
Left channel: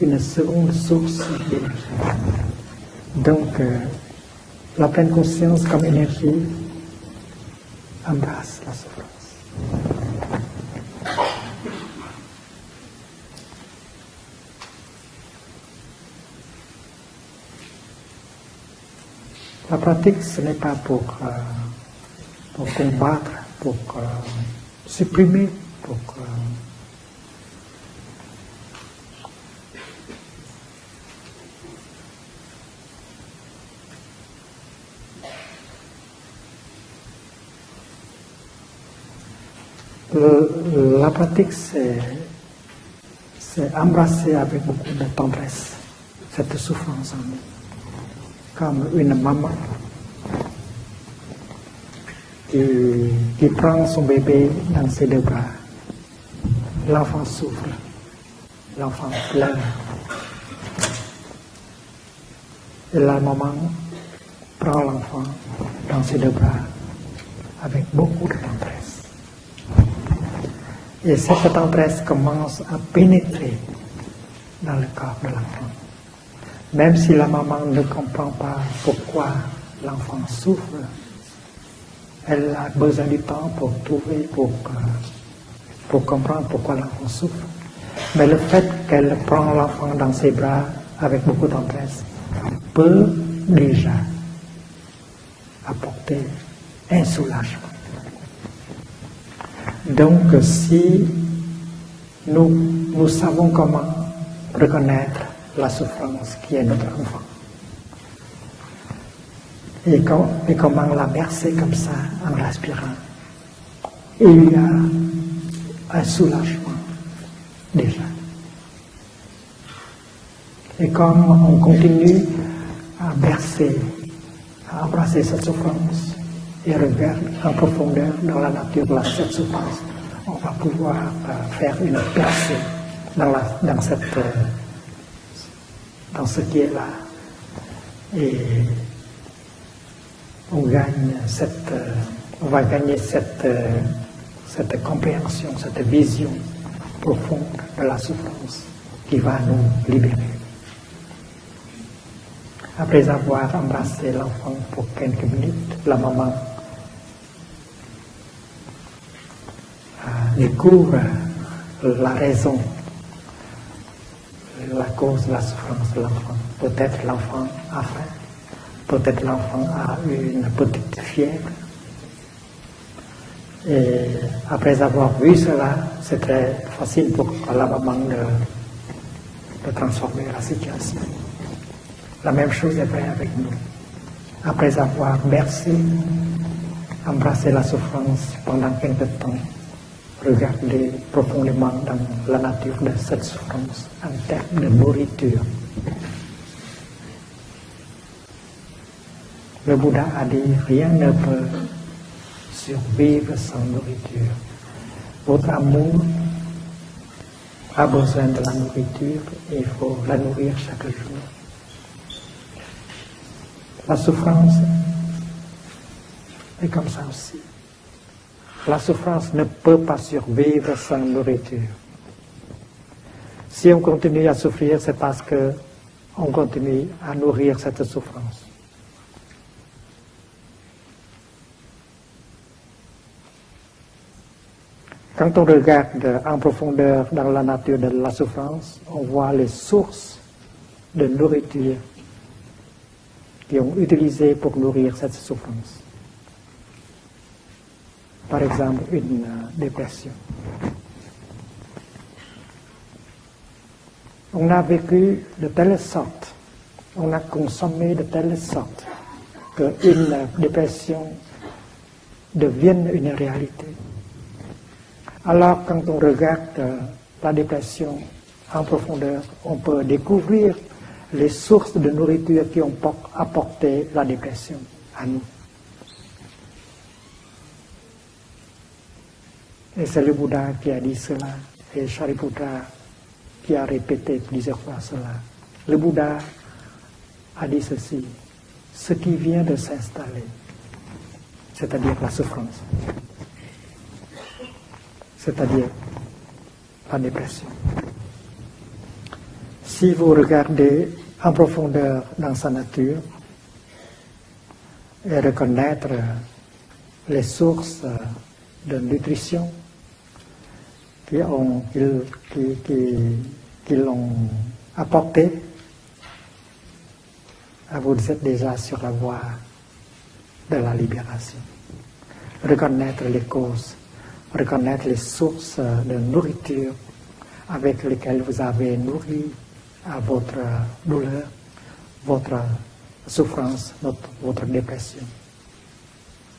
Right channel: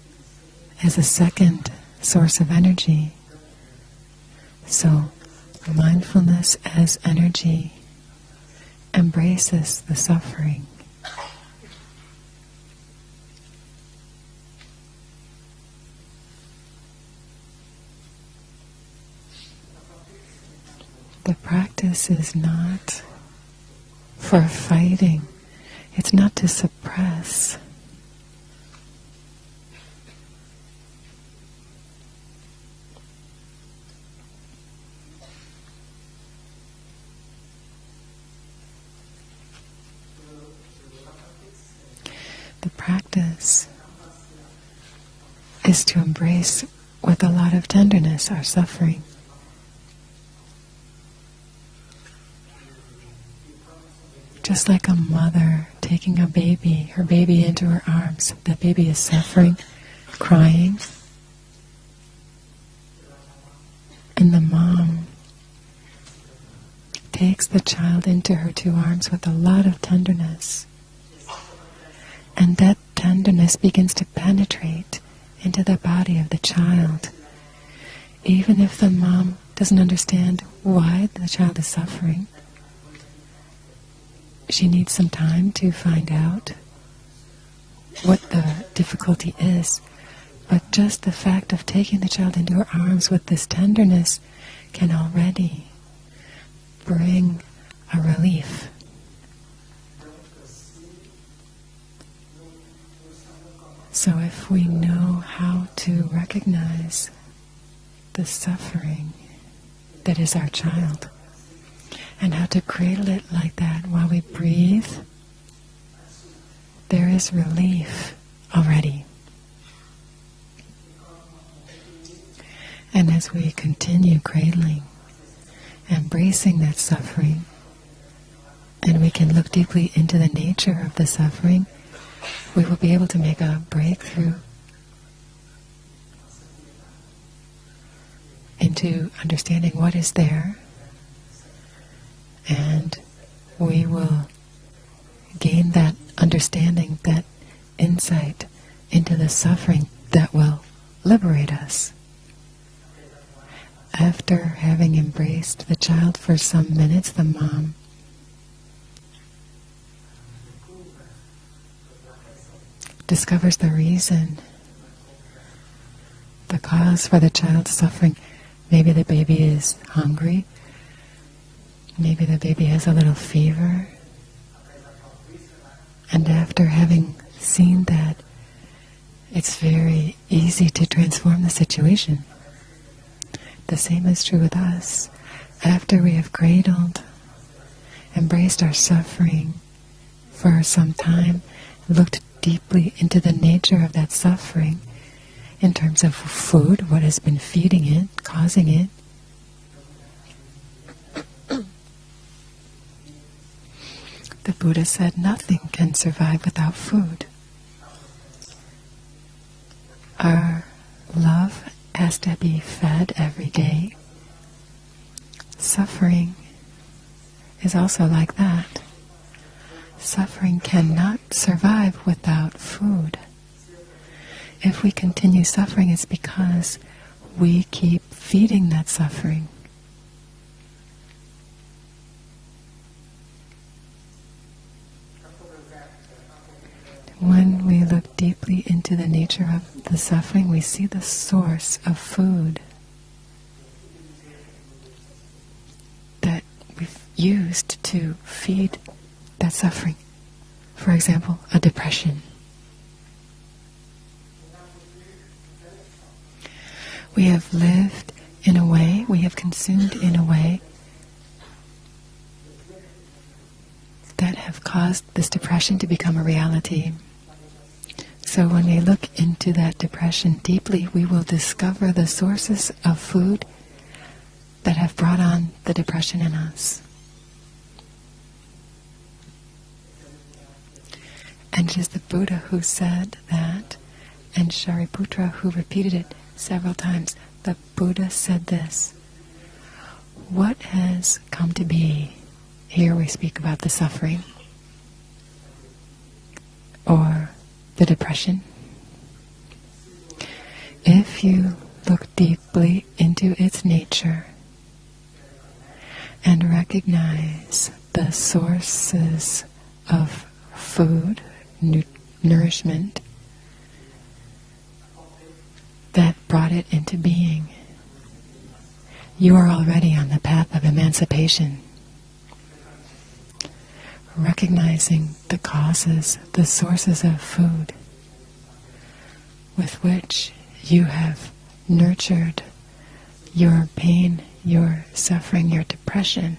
une seconde as a source second d'énergie. source of energy. Donc, So la pleine conscience comme énergie mindfulness as energy embrasse la souffrance. embraces the suffering. La pratique, ce n'est pas pour The practice is not combattre, pour for fighting. supprimer, pour It's not to suppress. La pratique, c'est The practice embrasser avec beaucoup de tendresse is to cette embrace souffrance. with a lot of tenderness our Comme suffering, une maman qui prend son bébé just like dans ses a deux bras. mother taking a baby L'enfant into souffre. her arms. The baby is L'enfant suffering, pleure. crying, Et la maman and the prend mom l'enfant dans ses deux bras. takes the Avec child beaucoup into de her two tendresse. arms with a lot of tenderness. Et cette tendresse And commence à that tenderness pénétrer begins to dans le penetrate corps de into l'enfant. the body of the Même child. si la maman ne comprend Even pas if the pourquoi mom doesn't l'enfant understand souffre, why the child is suffering, elle a besoin du temps pour trouver, she needs some time to pour find comprendre out pourquoi l'enfant souffre. what Mais le the fait qu'elle difficulty prend is. l'enfant dans ses bras But just the avec beaucoup fact of tendresse taking the child into her peut arms with this déjà tenderness can already apporter un soulagement. a relief. Donc, si nous savons comment So if we know reconnaître how la to souffrance qui est notre recognize enfant the suffering et, that is our comment child, la bercer comme ça en and how to respirant, cradle it like that while we il y a breathe, un soulagement. there is relief already. Et comme on continue And à as we bercer, continue cradling, à embrasser cette souffrance, embracing et that regarder suffering, en profondeur dans la nature de and la looking souffrance, deeply into the on va nature pouvoir of the suffering, faire une percée we will be able to dans, make a dans, breakthrough dans ce qui est là. Et into understanding what is there. on va gagner We will cette compréhension, gain cette that vision understanding, profonde that de la insight souffrance into qui the va suffering nous libérer. that will liberate us. Après avoir embrassé After l'enfant pour having quelques embraced minutes, the la child maman for some minutes, the mom découvre la raison, discovers the reason, la cause de la souffrance de l'enfant. the Peut-être cause for the l'enfant child's a suffering. Maybe the Peut-être baby l'enfant is a eu hungry. une petite fièvre. Maybe the baby has a little fever. Et après avoir vu cela, c'est And très after facile having pour la seen maman that, It's very easy to transform the situation. La même chose est vraie avec nous. The same is true with Après us. avoir bercé, After we have cradled, embrassé la souffrance, embraced pendant our quelque temps, suffering, for regardé some time, profondément dans looked la nature deeply de into cette the nature of that souffrance en termes de suffering nourriture. in terms of food, what has been feeding it, causing it. Le Bouddha a dit, rien ne peut survivre sans nourriture. The Buddha said nothing can survive without food. a besoin de la nourriture et il faut la nourrir chaque jour. Love has to be fed every day. La souffrance Suffering est comme ça aussi. is also like that. La souffrance ne peut pas Suffering survivre sans cannot nourriture. survive without food. Si on continue à souffrir, If we c'est parce continue suffering, it's qu'on because continue à nourrir we cette keep souffrance. feeding that suffering. Quand on regarde en profondeur dans la When nature we de la look deeply souffrance, into on the voit nature les of the sources suffering, we see the de source nourriture of food qui ont utilisé pour nourrir cette souffrance. that we've used to Par fight exemple, une that suffering. dépression. For example, a depression. On a vécu de telle sorte, on a We have consommé de lived telle in a sorte way, we have consumed in a qu'une way dépression devienne une réalité. that have caused this Alors, depression quand to on become a regarde reality. la dépression So en when we look profondeur, into on that peut depression découvrir deeply, we will les sources de discover the nourriture qui sources ont of food apporté la dépression. that have brought on the depression in us. Et c'est le Bouddha qui a dit cela, And c'est it is the Buddha Shariputra who said qui a that, répété and plusieurs fois Shariputra cela. who Le repeated Bouddha it several times. a dit But ceci, Buddha said this, ce qui vient de s'installer, what has come to be? c'est-à-dire la souffrance, Here we speak about the suffering c'est-à-dire la or dépression. the depression. Si vous regardez If en you profondeur look dans sa deeply nature into its nature et reconnaître and les recognize sources the de sources nutrition of food, nourishment qui l'ont apporté, that brought it into being, vous êtes déjà sur la voie. you are already on the path of de la emancipation, Reconnaître les causes, reconnaître les recognizing the sources de causes, the nourriture sources of food avec lesquelles vous avez nourri with which votre you douleur, have nurtured votre your souffrance, pain, votre your dépression. suffering, your depression,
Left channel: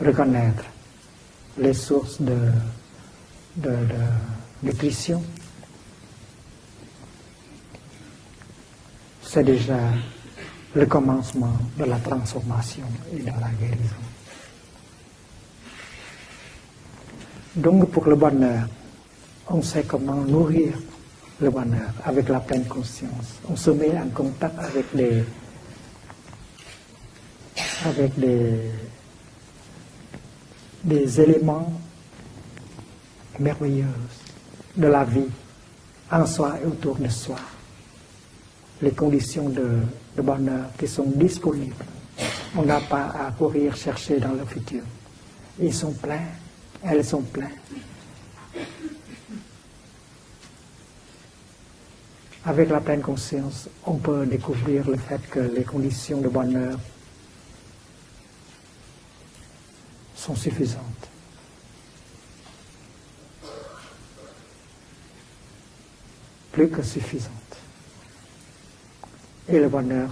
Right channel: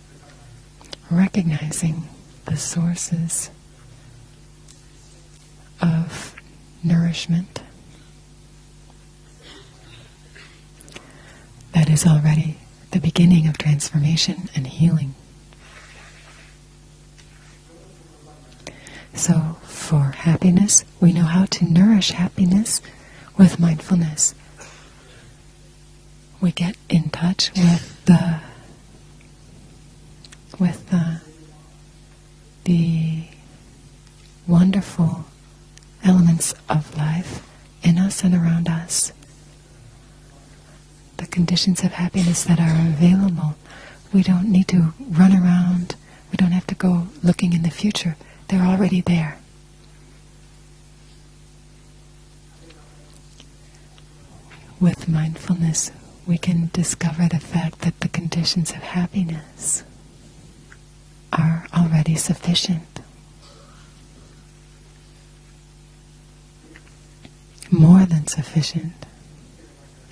Reconnaître les recognizing sources the sources de nutrition, of nourishment. c'est déjà le commencement de That la is already transformation. the beginning of transformation and healing. Donc pour le bonheur, So on sait for comment happiness, we know how le to bonheur nourish avec la pleine happiness conscience. with On se met en mindfulness. contact avec les, We get in touch with avec des éléments the merveilleux de la wonderful vie en elements soi et of autour de life soi. in us and around Les us, conditions de bonheur qui sont the disponibles. conditions of happiness that On n'a are pas à available. courir chercher We dans le don't need futur. to run Ils around. sont pleins. We don't have to go Elles sont looking pleines. in the future. They're already there. Avec la pleine conscience, on peut découvrir le With fait que les mindfulness, conditions de we can bonheur discover the fact that the conditions of happiness sont suffisantes. are already sufficient, Plus que suffisantes. more than sufficient, Et le bonheur,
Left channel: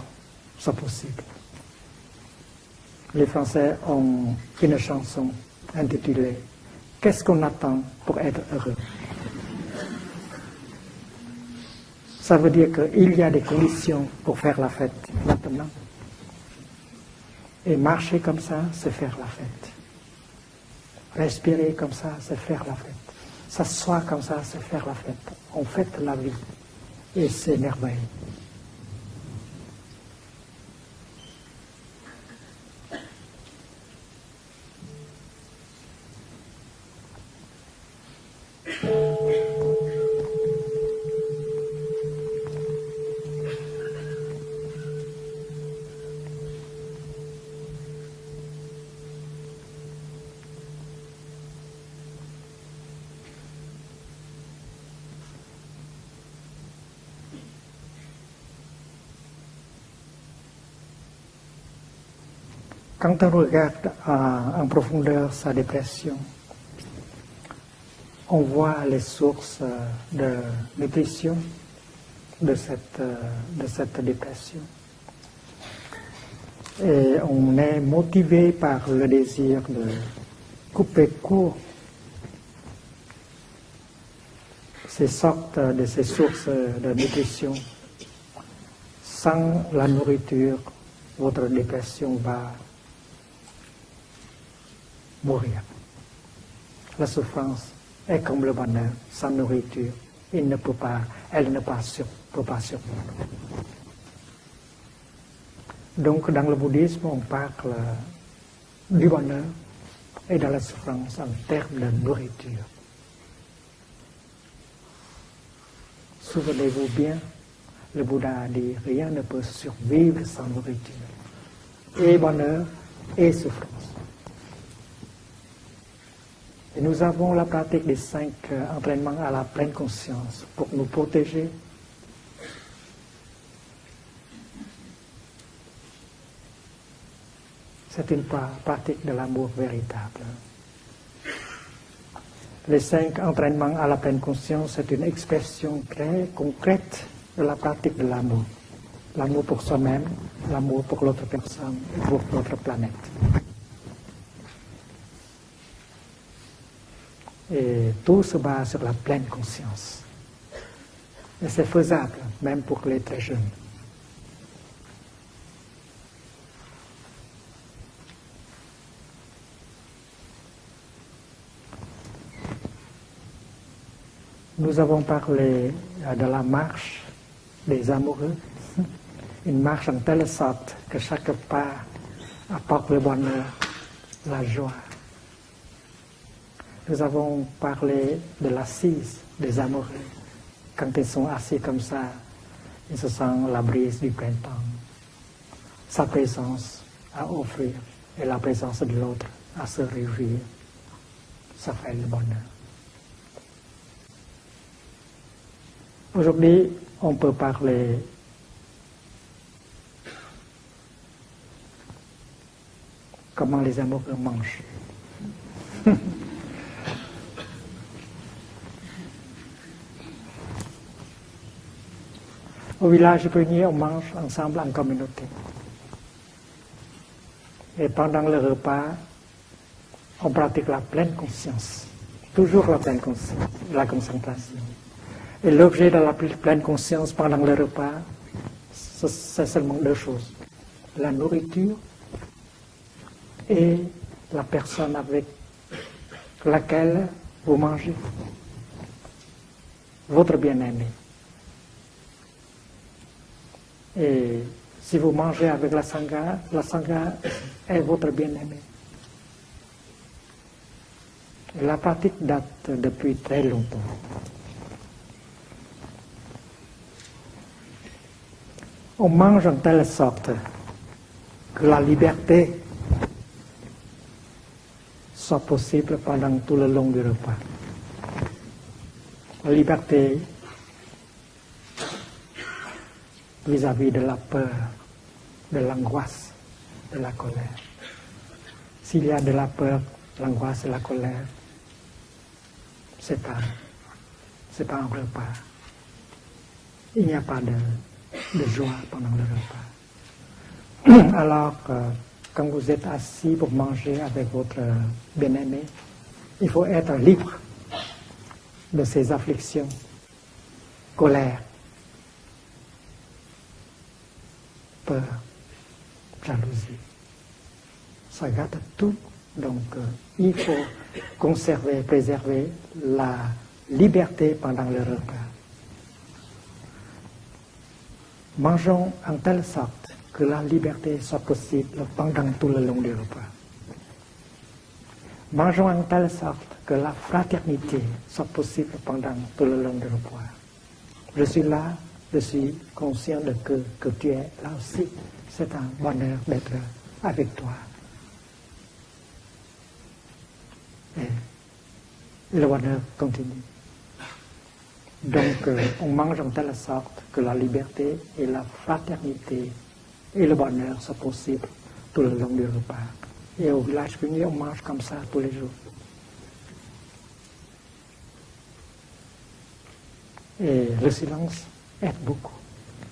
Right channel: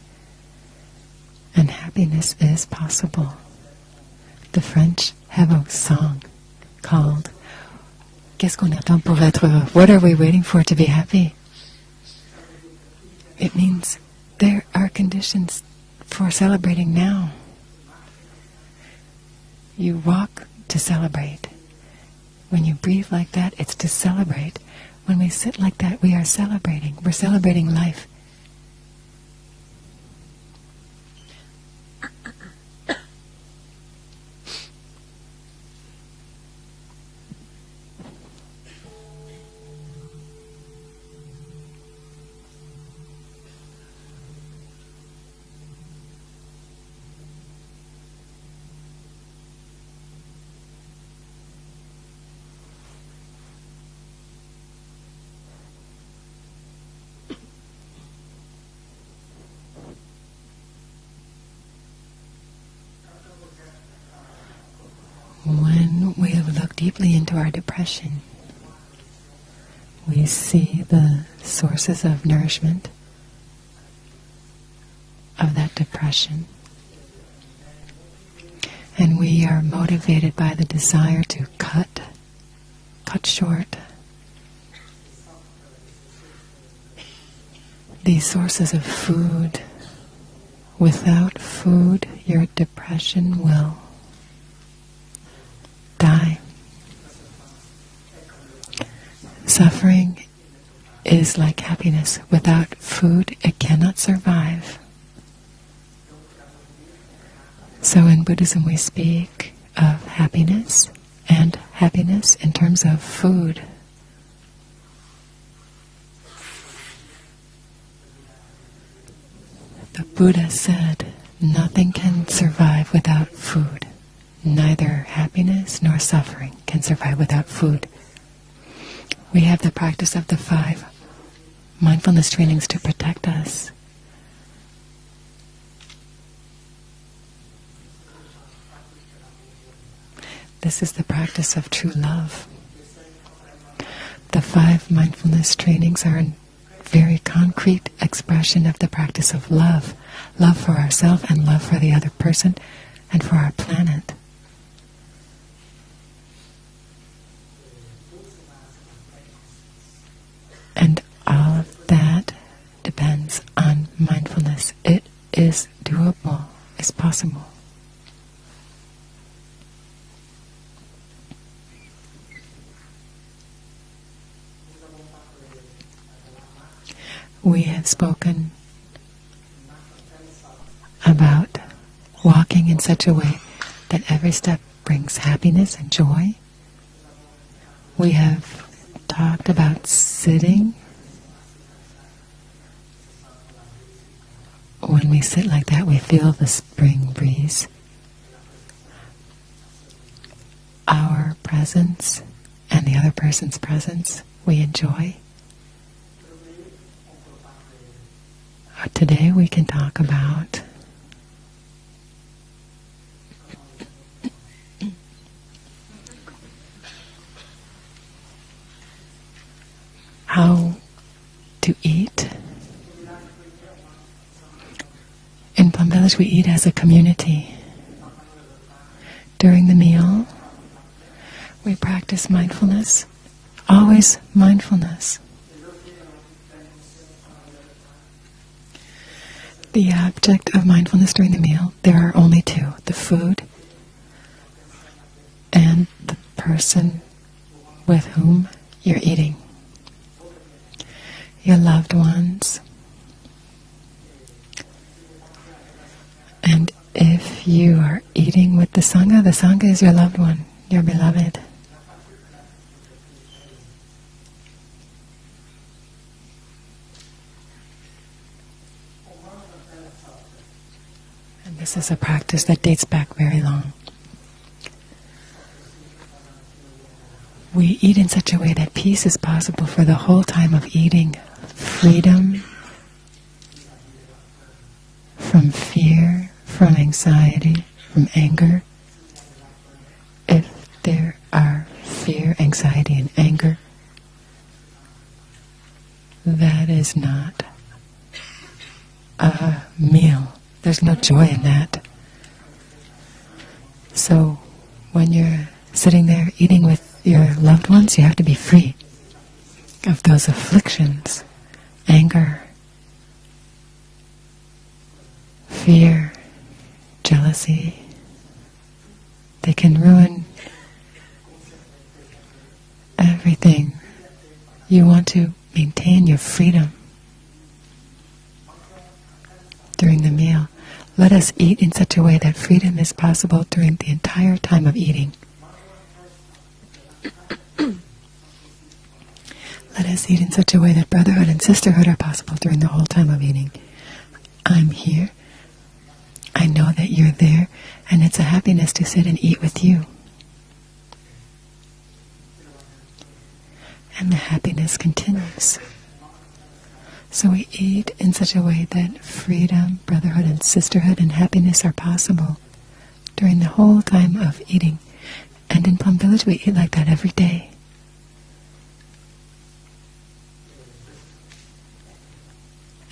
c'est possible. and happiness is Les possible. Français ont The une French chanson have a song intitulée called Qu'est-ce qu'on attend pour être Qu'est-ce qu'on heureux? attend pour être heureux? What are we waiting for to be happy? Ça veut dire qu'il y a des It means conditions pour faire there la are fête conditions maintenant. for celebrating now. Et marcher comme ça, c'est faire la fête. You walk to celebrate. Respirer comme ça, c'est faire When la you fête. breathe like that, it's to S'asseoir comme ça, celebrate. c'est faire la fête. When we sit On like fête that, we la are vie. celebrating. We're Et c'est celebrating merveilleux. life. Quand on regarde en profondeur sa When dépression, we look deeply into our depression, on voit les sources we de see nutrition the sources of de nourishment cette dépression. of that depression. Et on est motivé par le And we désir are de motivated by the desire to cut short ces sortes de ces sources de nutrition. these sources of Sans food. la nourriture, Without votre food, dépression your va depression will mourir. die. La souffrance est comme le bonheur. Sans nourriture, Suffering il ne peut pas. is elle like ne peut happiness. pas Without survivre. food, it cannot survive. Donc, dans le bouddhisme, on parle So in Buddhism, we du speak bonheur of et de la happiness souffrance en and termes de happiness in terms of food. Souvenez-vous bien, le Bouddha a dit rien ne peut The survivre Buddha sans said, nothing can survive without food. Neither happiness nor suffering can Nous survive avons la without pratique food. des 5 entraînements à la We have pleine the practice of the conscience pour 5 nous protéger. mindfulness trainings to protect us. C'est une pratique de l'amour véritable. This is the practice of true love. Les 5 entraînements à la pleine The conscience, 5 c'est une mindfulness expression trainings are très a concrète very de la concrete pratique de l'amour. expression of the practice L'amour of pour love. soi-même, Love for l'amour ourselves l'autre and love for the personne, other pour person notre planète. and for our planet. Et tout se base sur la pleine conscience. And all C'est faisable, that même pour les très depends jeunes. on mindfulness. It is doable. It's possible. Nous avons parlé de la marche We des had amoureux. spoken Une marche en telle sorte que chaque about pas walking in apporte le such a way bonheur. that every la step joie. brings happiness and joy. Nous avons parlé We have de l'assise talked des about amoureux. sitting. Quand ils sont assis comme ça, ils se sentent la brise du printemps. When we sit like that, we Sa feel the présence spring à breeze. offrir et la présence de l'autre à se réjouir. Our Ça fait le presence bonheur. and the other person's presence we enjoy. Aujourd'hui, on peut parler Today we can talk about comment les amoureux mangent. how to eat. Au village Pugny, on mange ensemble en communauté. In Plum Village, we eat as a community. Et pendant le repas, During the meal, on pratique la pleine conscience. we practice Toujours la pleine mindfulness. conscience. Always La- mindfulness. Et l'objet de la pleine conscience pendant le repas, c'est seulement The deux choses. object of mindfulness during the meal, there are only two, the food Et la personne avec and the person laquelle vous mangez, with whom you're eating. votre bien-aimé. Your loved ones. Et si vous mangez avec la And sangha if you est are votre bien-aimé. eating with the Sangha is your loved one, your beloved. La pratique date depuis très longtemps. On mange en telle sorte que This la is a liberté practice that dates back very long. soit possible pendant tout le long du repas. We eat in such a way that peace is possible for the Liberté. whole time of eating. Freedom Vis-à-vis de la peur. from de fear, l'angoisse, from anxiety, from anger. S'il y a de la peur, l'angoisse et la If colère, there are fear, anxiety, and anger, c'est pas un repas. that is Il n'y a not pas de joie pendant le repas. a meal. There's no joy in Alors, that. quand vous êtes assis pour manger So, avec votre When you're bien-aimé, sitting there eating with your loved ones, you have to be free de ces afflictions, of those afflictions, colère, anger, peur, fear, jalousie, jealousy. ça gâte tout. They Donc, can ruin il faut conserver, préserver la everything. liberté pendant You le want repas. to maintain your freedom Mangeons en telle sorte during the que la meal. liberté Let soit us eat in possible such a way pendant that tout le long freedom du is repas. possible during the entire time of eating. Mangeons en telle sorte que la fraternité soit possible pendant tout le long Let du us repas. eat in such a way that brotherhood Je and suis là, sisterhood are je possible suis during the whole time of conscient eating. que tu es I'm assis. here. C'est un bonheur I know that you're avec there, toi. and it's a happiness to sit and eat with you. Et le bonheur continue. And the happiness Donc, continues. on mange en telle sorte que So la we eat liberté in et such la a way that fraternité freedom, et brotherhood, le and bonheur sisterhood sont and happiness are possibles tout le long possible du repas. during Et the au whole Black time Pugny, on of mange eating. comme ça tous les jours. And in Plum Village, we eat like that every day. Et le silence aide beaucoup.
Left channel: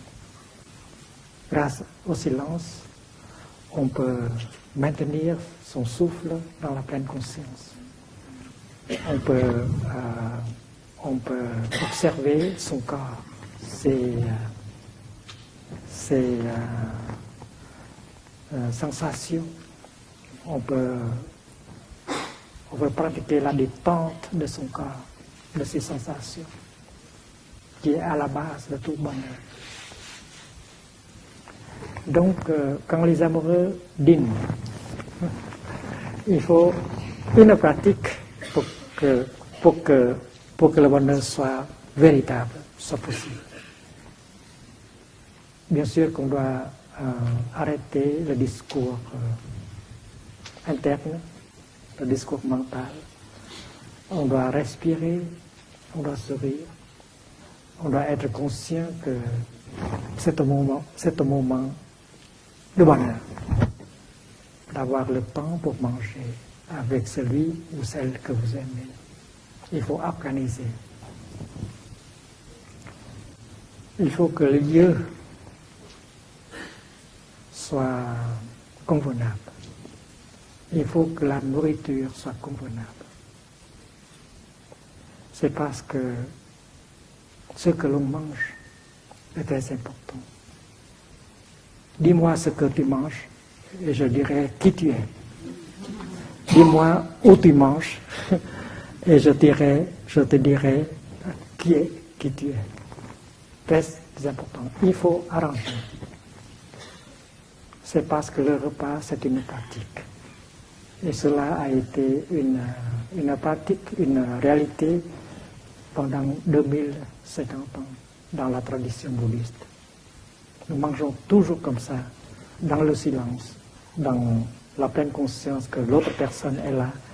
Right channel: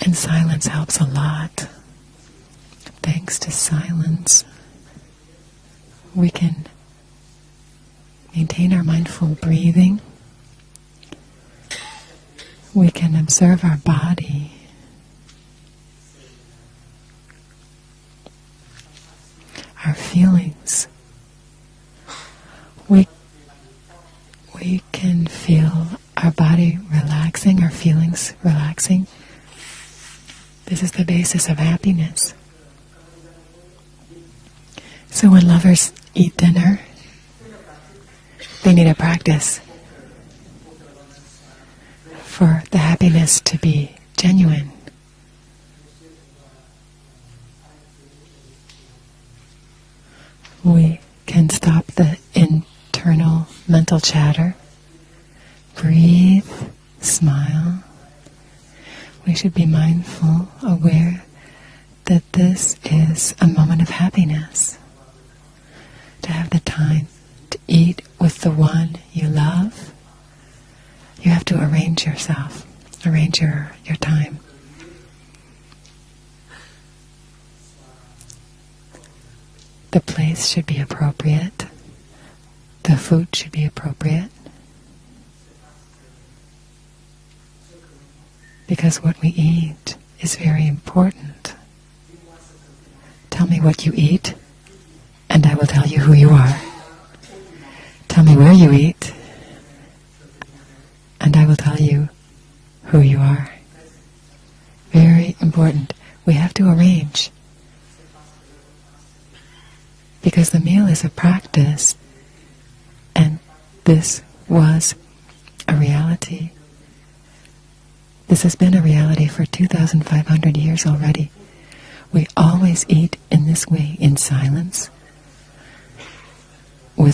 And silence helps a lot. Grâce au silence, Thanks to on peut silence, maintenir son souffle We can dans la pleine conscience. maintain our On mindful peut, breathing. on peut observer son We corps, can observe our ses, body, ses sensations. our On feelings. peut we can feel our body relaxing, our feelings relaxing. This is the basis of happiness. So when lovers eat dinner, they need a practice for the happiness to be genuine. We can stop the internal mental chatter, breathe, smile. We should be mindful, aware that this is a moment of happiness, to have the time to eat with the one you love. You have to arrange yourself, arrange your time. The place should be appropriate. The food should be appropriate. Because what we eat is very important. Tell me what you eat, and I will tell you who you are. Tell me where you eat, and I will tell you who you are. Very important. We have to arrange. Because the meal is a practice, and this was a reality. This has been a reality for 2,500 years already. We always eat in this way, in silence, with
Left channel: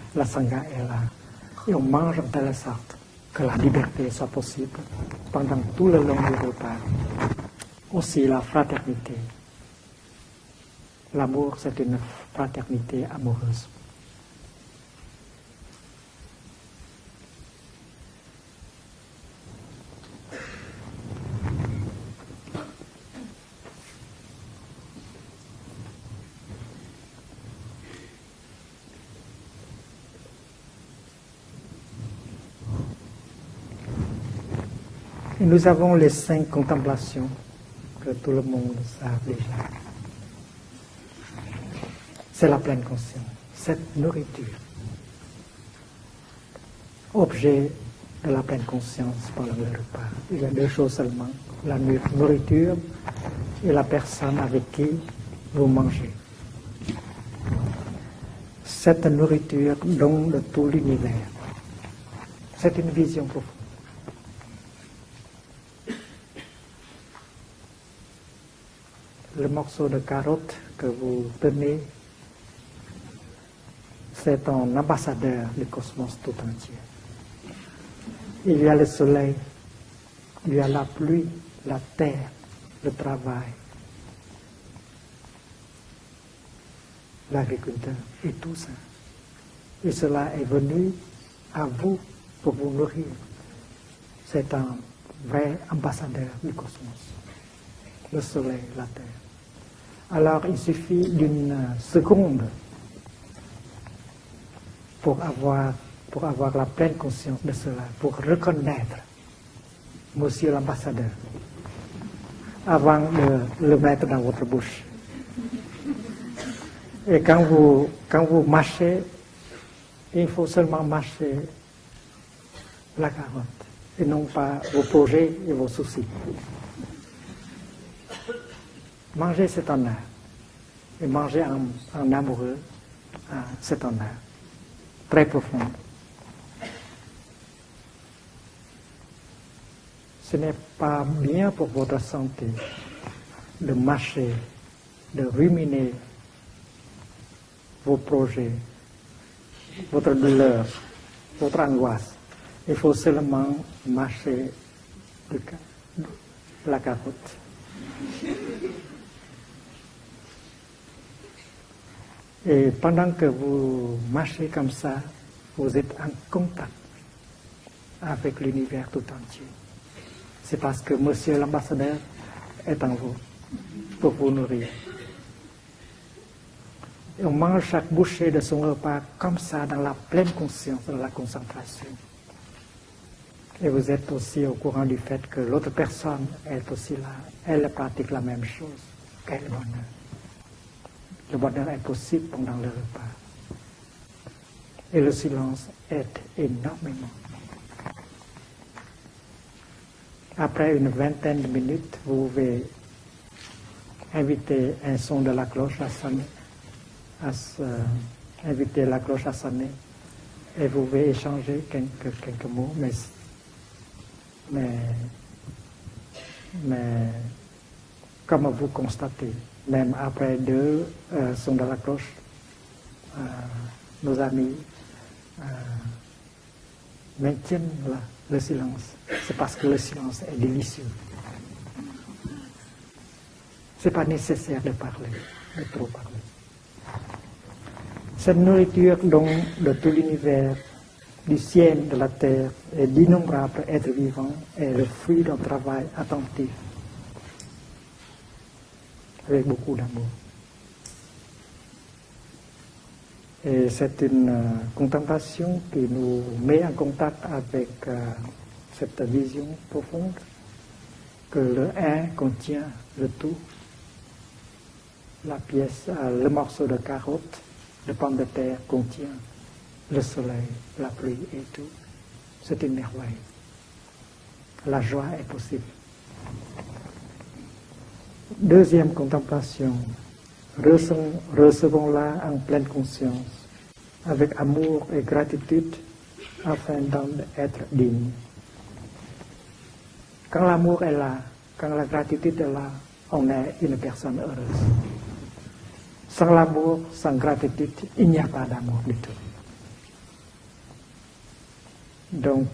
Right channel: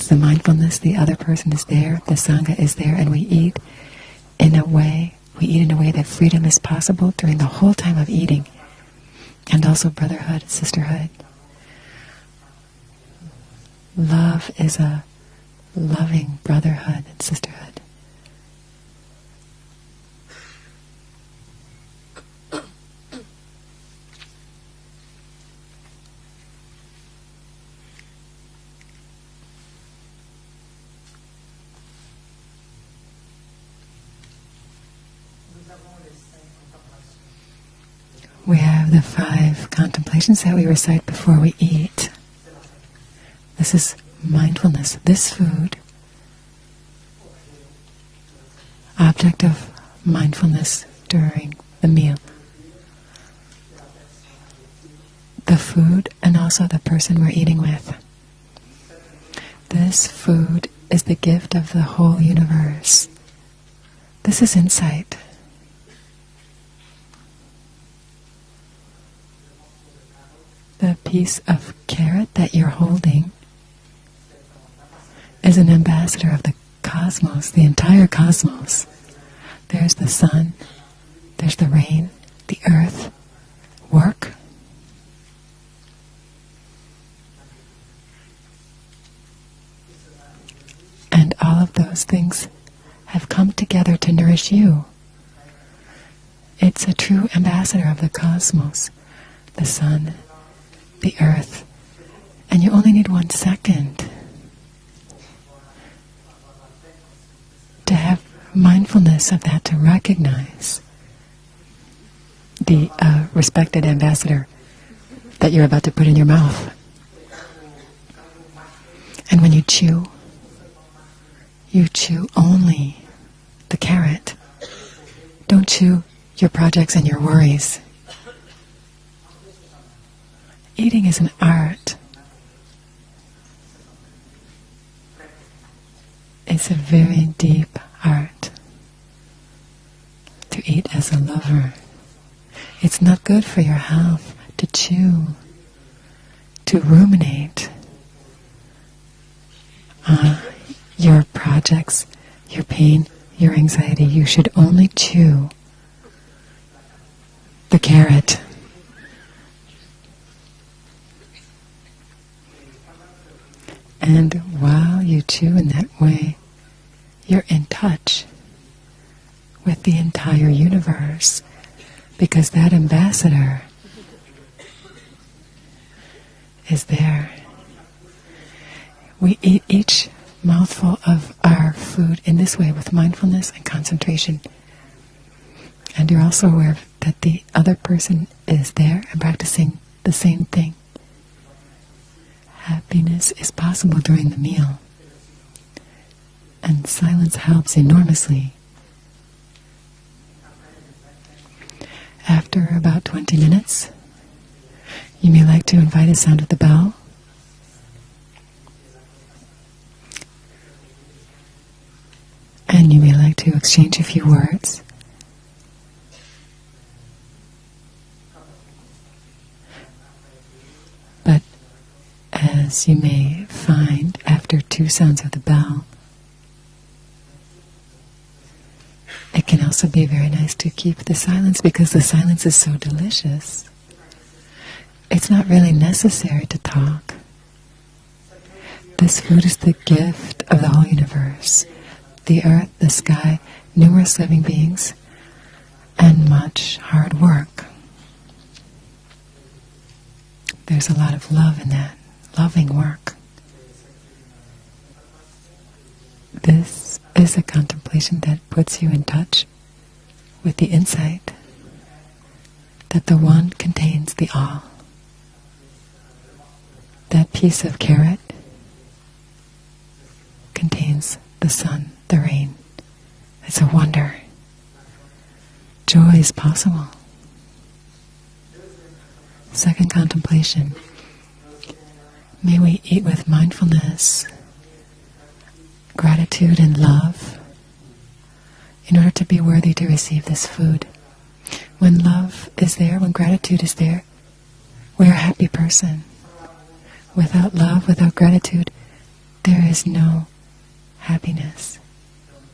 the mindfulness the other person is there, the Sangha is there, and we eat in a way that freedom is possible during the whole time of eating. And also brotherhood, sisterhood. Love is a loving brotherhood and sisterhood. Nous avons les 5 contemplations que tout le monde. We have the 5 contemplations that we recite before we eat. C'est la pleine conscience. This is mindfulness. This food, objet de la pleine conscience. Object of mindfulness during the meal. Et la personne avec qui the food and also the person we're eating with. This food is the gift of the whole universe. This is insight. The piece of carrot that you're holding is an ambassador of the cosmos, the entire cosmos. There's the sun, there's the rain, the earth, work, and all of those things have come together to nourish you. It's a true ambassador of the cosmos, the sun, the earth, and you only need 1 second to have mindfulness of that, to recognize the respected ambassador that you're about to put in your mouth. And when you chew only the carrot. Don't chew your projects and your worries. Eating is an art. It's a very deep art. To eat as a lover. It's not good for your health to chew, to ruminate on your projects, your pain, your anxiety. You should only chew the carrot. And while you chew in that way, you're in touch with the entire universe, because that ambassador is there. We eat each mouthful of our food in this way with mindfulness and concentration. And you're also aware that the other person is there and practicing the same thing. Happiness is possible during the meal, and silence helps enormously. After about 20 minutes, you may like to invite a sound of the bell, and you may like to exchange a few words. But as you may find after 2 sounds of the bell, it can also be very nice to keep the silence because the silence is so delicious. It's not really necessary to talk. This food is the gift of the whole universe, the earth, the sky, numerous living beings, and much hard work. There's a lot of love in that, loving work. This is a contemplation that puts you in touch with the insight that the One contains the all. That piece of carrot contains the sun, the rain. It's a wonder. Joy is possible. Second contemplation. May we eat with mindfulness, gratitude and love, in order to be worthy to receive this food. When love is there, when gratitude is there, we're a happy person. Without love, without gratitude, there is no happiness. So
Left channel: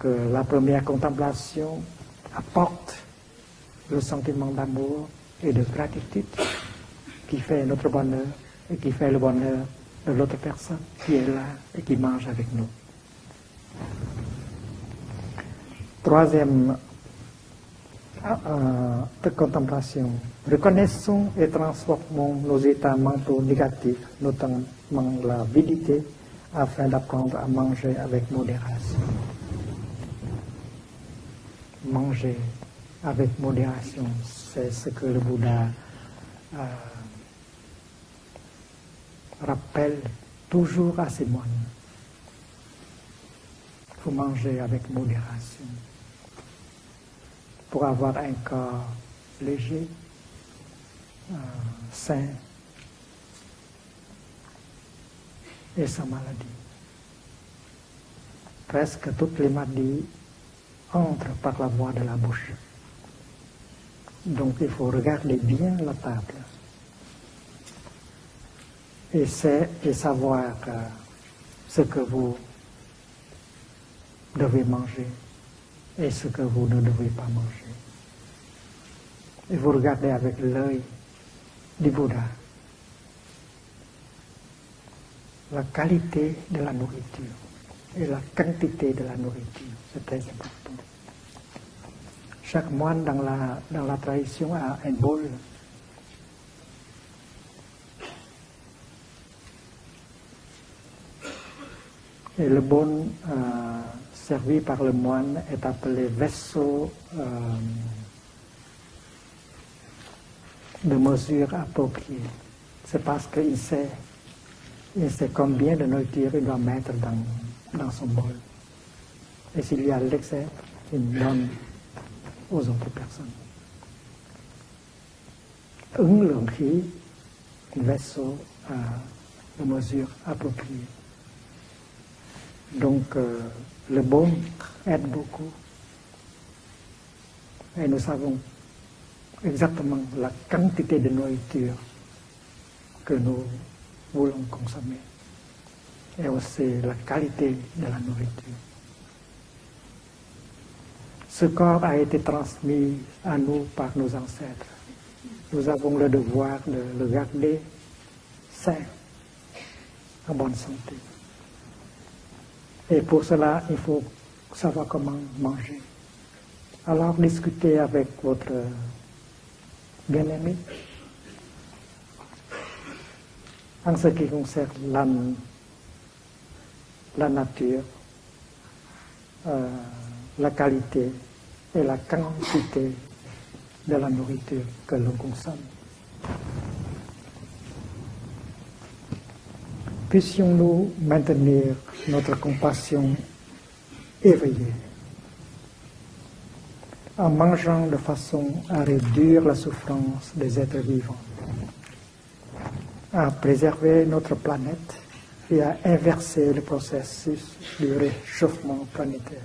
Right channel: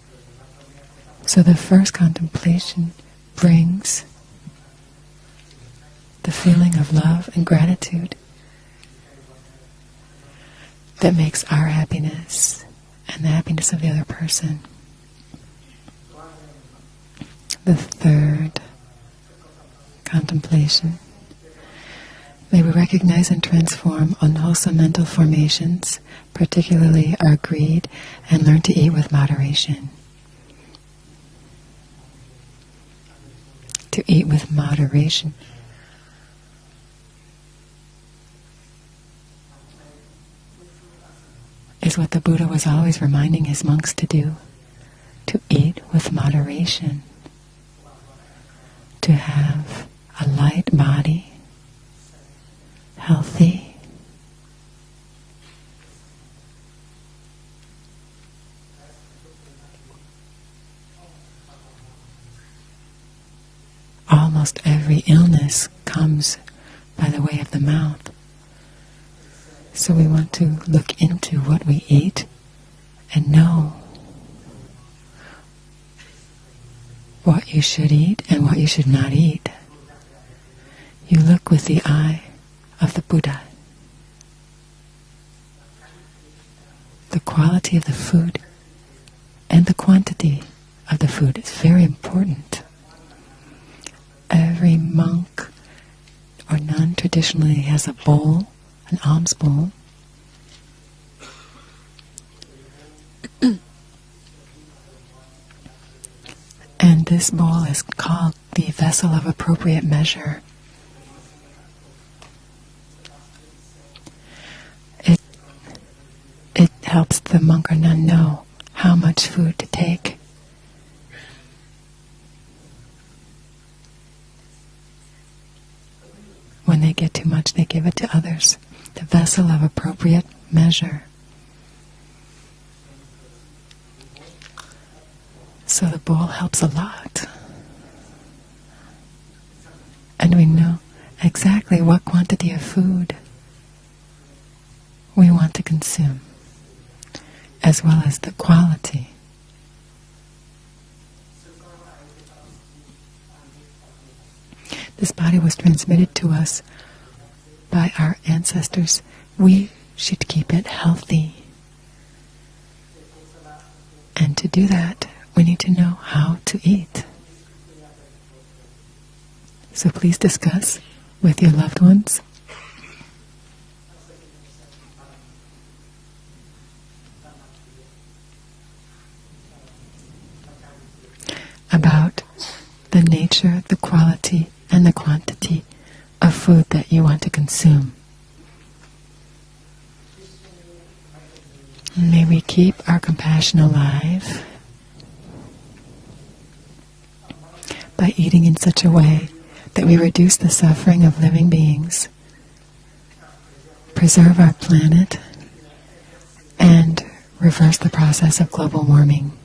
the first contemplation brings the feeling of love and gratitude that makes our happiness and the happiness of the other person. The third contemplation, may we recognize and transform unwholesome mental formations, particularly our greed, and learn to eat with moderation. To eat with moderation is what the Buddha was always reminding his monks to do, to eat with moderation, to have a light body, healthy, almost every illness comes by the way of the mouth. So we want to look into what we eat and know what you should eat and what you should not eat. You look with the eye of the Buddha. The quality of the food and the quantity of the food is very important. Every monk or nun traditionally has a bowl, an alms bowl. And this bowl is called the vessel of appropriate measure. It helps the monk or nun know how much food to take. When they get too much, they give it to others. The vessel of appropriate measure. So the bowl helps a lot. And we know exactly what quantity of food we want to consume, as well as the quality. This body was transmitted to us by our ancestors. We should keep it healthy. And to do that, we need to know how to eat. So please discuss with your loved ones about the nature, the quality, and the quantity of food that you want to consume. puissions-nous maintenir May notre we keep our compassion compassion alive éveillée. En mangeant de by façon eating in à such a way réduire la that we souffrance reduce the des êtres suffering vivants, of living beings, à préserver preserve notre our planète planet, et à inverser le and processus reverse the du process of réchauffement global warming. planétaire.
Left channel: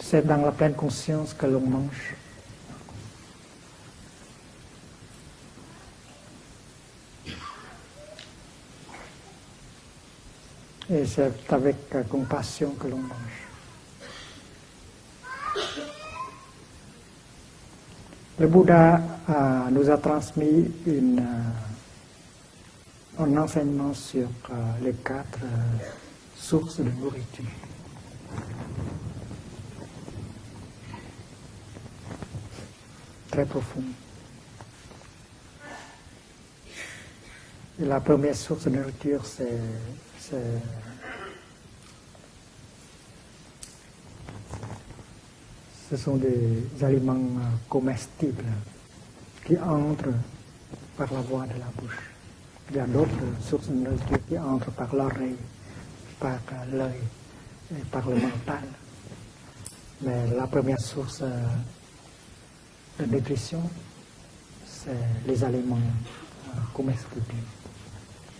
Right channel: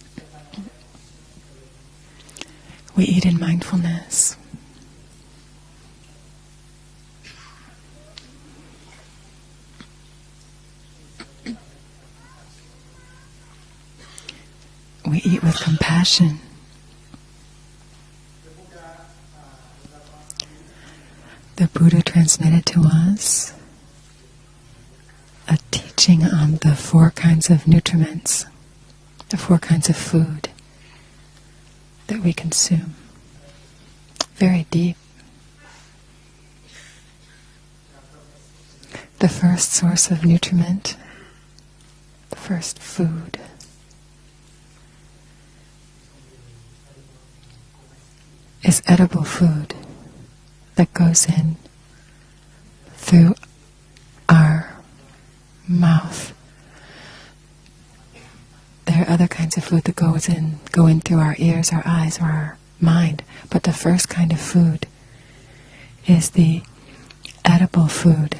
C'est dans la pleine conscience que l'on mange. We eat in mindfulness. Et c'est avec compassion que l'on mange. We eat with compassion. Le Bouddha nous a transmis The Buddha transmitted to un us enseignement sur les quatre a teaching on the four kinds of nutriments, the four kinds of food that we consume. très profonds. Very deep. Et la première source de nourriture, The first source of nutriment, the first food, ce sont des aliments comestibles is edible qui food entrent that par goes la voie in de la bouche. Il y a d'autres through sources de nourriture qui our entrent par l'oreille, mouth. par l'œil et par le mental. There are other kinds of food that go in through our ears, our eyes, or our mind. But the first kind of food C'est les aliments is the comestibles. edible food.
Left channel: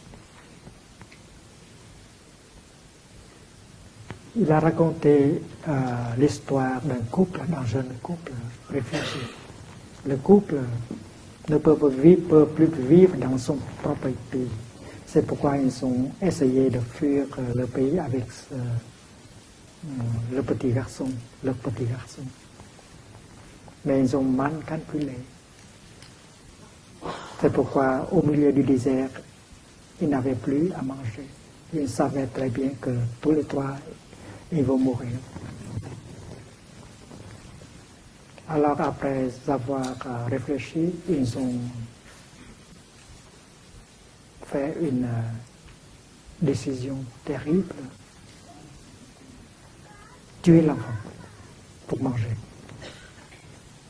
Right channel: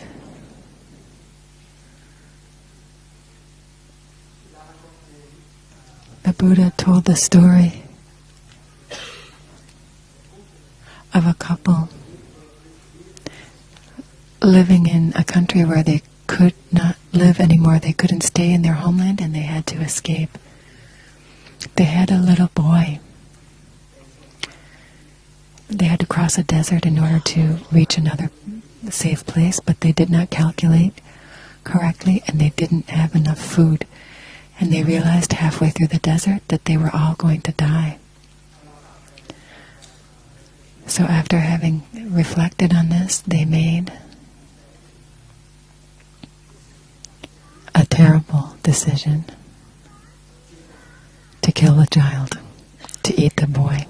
Il a raconté Buddha l'histoire told d'un the story jeune couple réfugié. Le couple of a ne couple peut plus vivre dans son propre pays. living in a C'est pourquoi country where they ils ont essayé could de not fuir live dans le anymore. pays They couldn't avec stay in their homeland and they had to escape. le petit garçon, le petit They had a little boy. mais ils ont mal calculé. They had to cross a desert in order C'est to pourquoi reach au another milieu du désert, safe place, but they did ils not n'avaient plus à calculate manger. correctly and they didn't have enough food. And they realized halfway through the desert that they were all going to die. Alors après avoir réfléchi, So after having reflected on this, they made fait une décision terrible, a terrible decision tuer l'enfant. to kill the child, to eat the boy.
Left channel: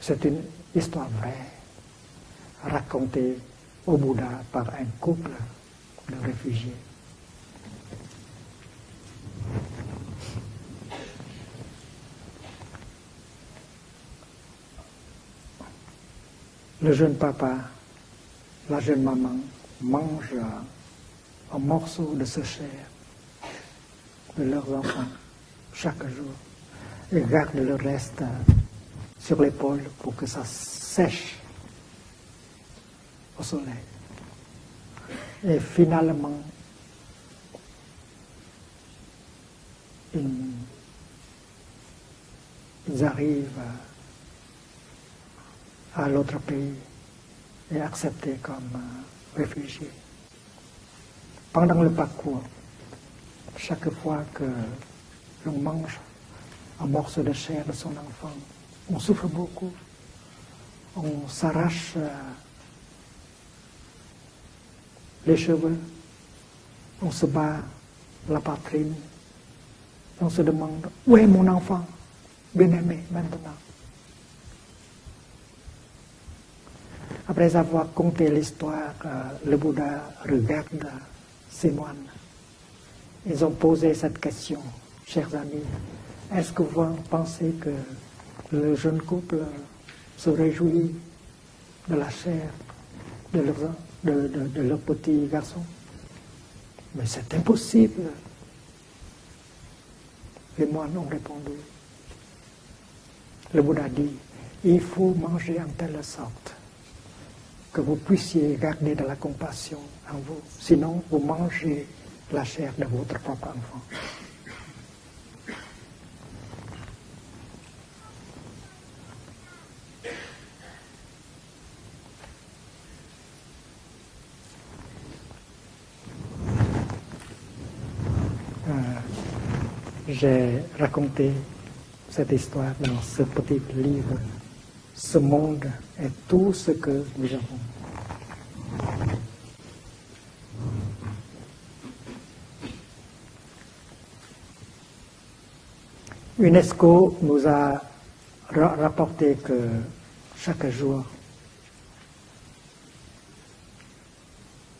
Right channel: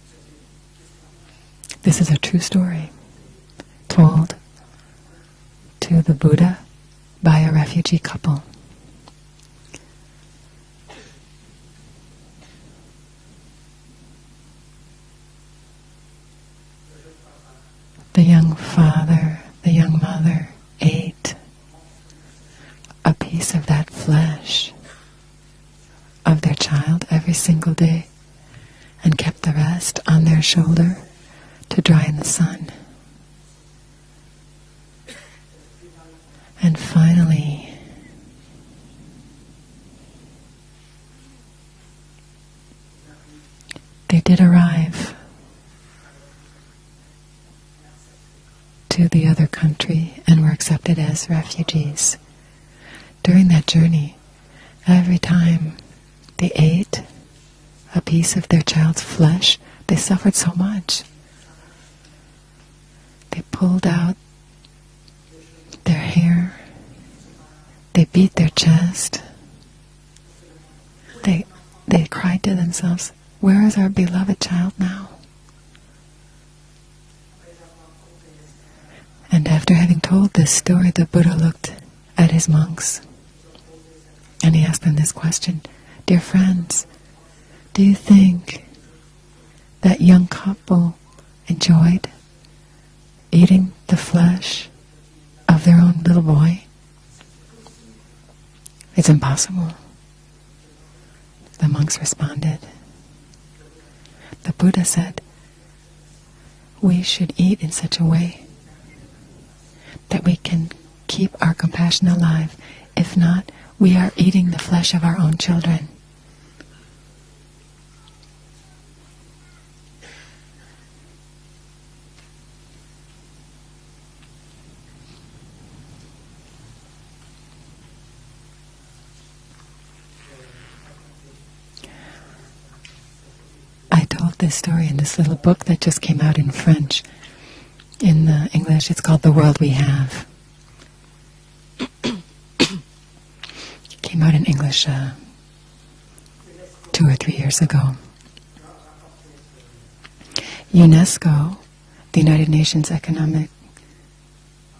C'est une histoire vraie, This is a true story racontée au Told Bouddha par un couple to the Buddha réfugié. by a refugee couple. Le jeune papa The young father, the young mother ate un morceau de ce chair a piece of that de flesh leurs enfants chaque jour. of their child Ils every gardent single le day reste and sur kept the l'épaule rest pour on que their ça shoulder sèche to dry in the sun. au soleil. Et finalement, And finally, ils arrivent they did arrive à l'autre pays et acceptés comme to the other country and were accepted as pendant le refugees. parcours. During that Chaque journey, fois que every ils time mangent they un ate morceau de chair de son a piece of their child's flesh, they suffered so much. on s'arrache They pulled out les cheveux, their hair, on se bat, they beat their chest, on se demande où est they, mon enfant? they cried to themselves, "Where is our beloved child now?" Après avoir conté l'histoire, And le after Bouddha having told this story, the Buddha regarde looked ses moines. at his monks Ils ont posé cette question. and he asked them this Chers question: amis, "Dear est-ce que friends, vous pensez que do you think le jeune couple that young se réjouit couple de enjoyed la chair eating the de flesh leur petit garçon? of their own little boy? Mais c'est impossible. It's impossible." Les moines ont répondu. The monks responded. Le Bouddha dit, The Buddha il faut said, manger en telle sorte "We should eat in que such vous a way puissiez garder de la compassion. that we can Sinon, vous keep our mangez compassion la alive. chair de votre If not, propre enfant. we are eating the flesh of our own children." J'ai raconté cette histoire dans ce petit livre. I told this story in this Ce little monde book that just came out et in tout ce French. que nous avons. In English, it's called The World We Have. It came out in English UNESCO 2 or 3 nous years a ago. rapporté que UNESCO, the United Nations Economic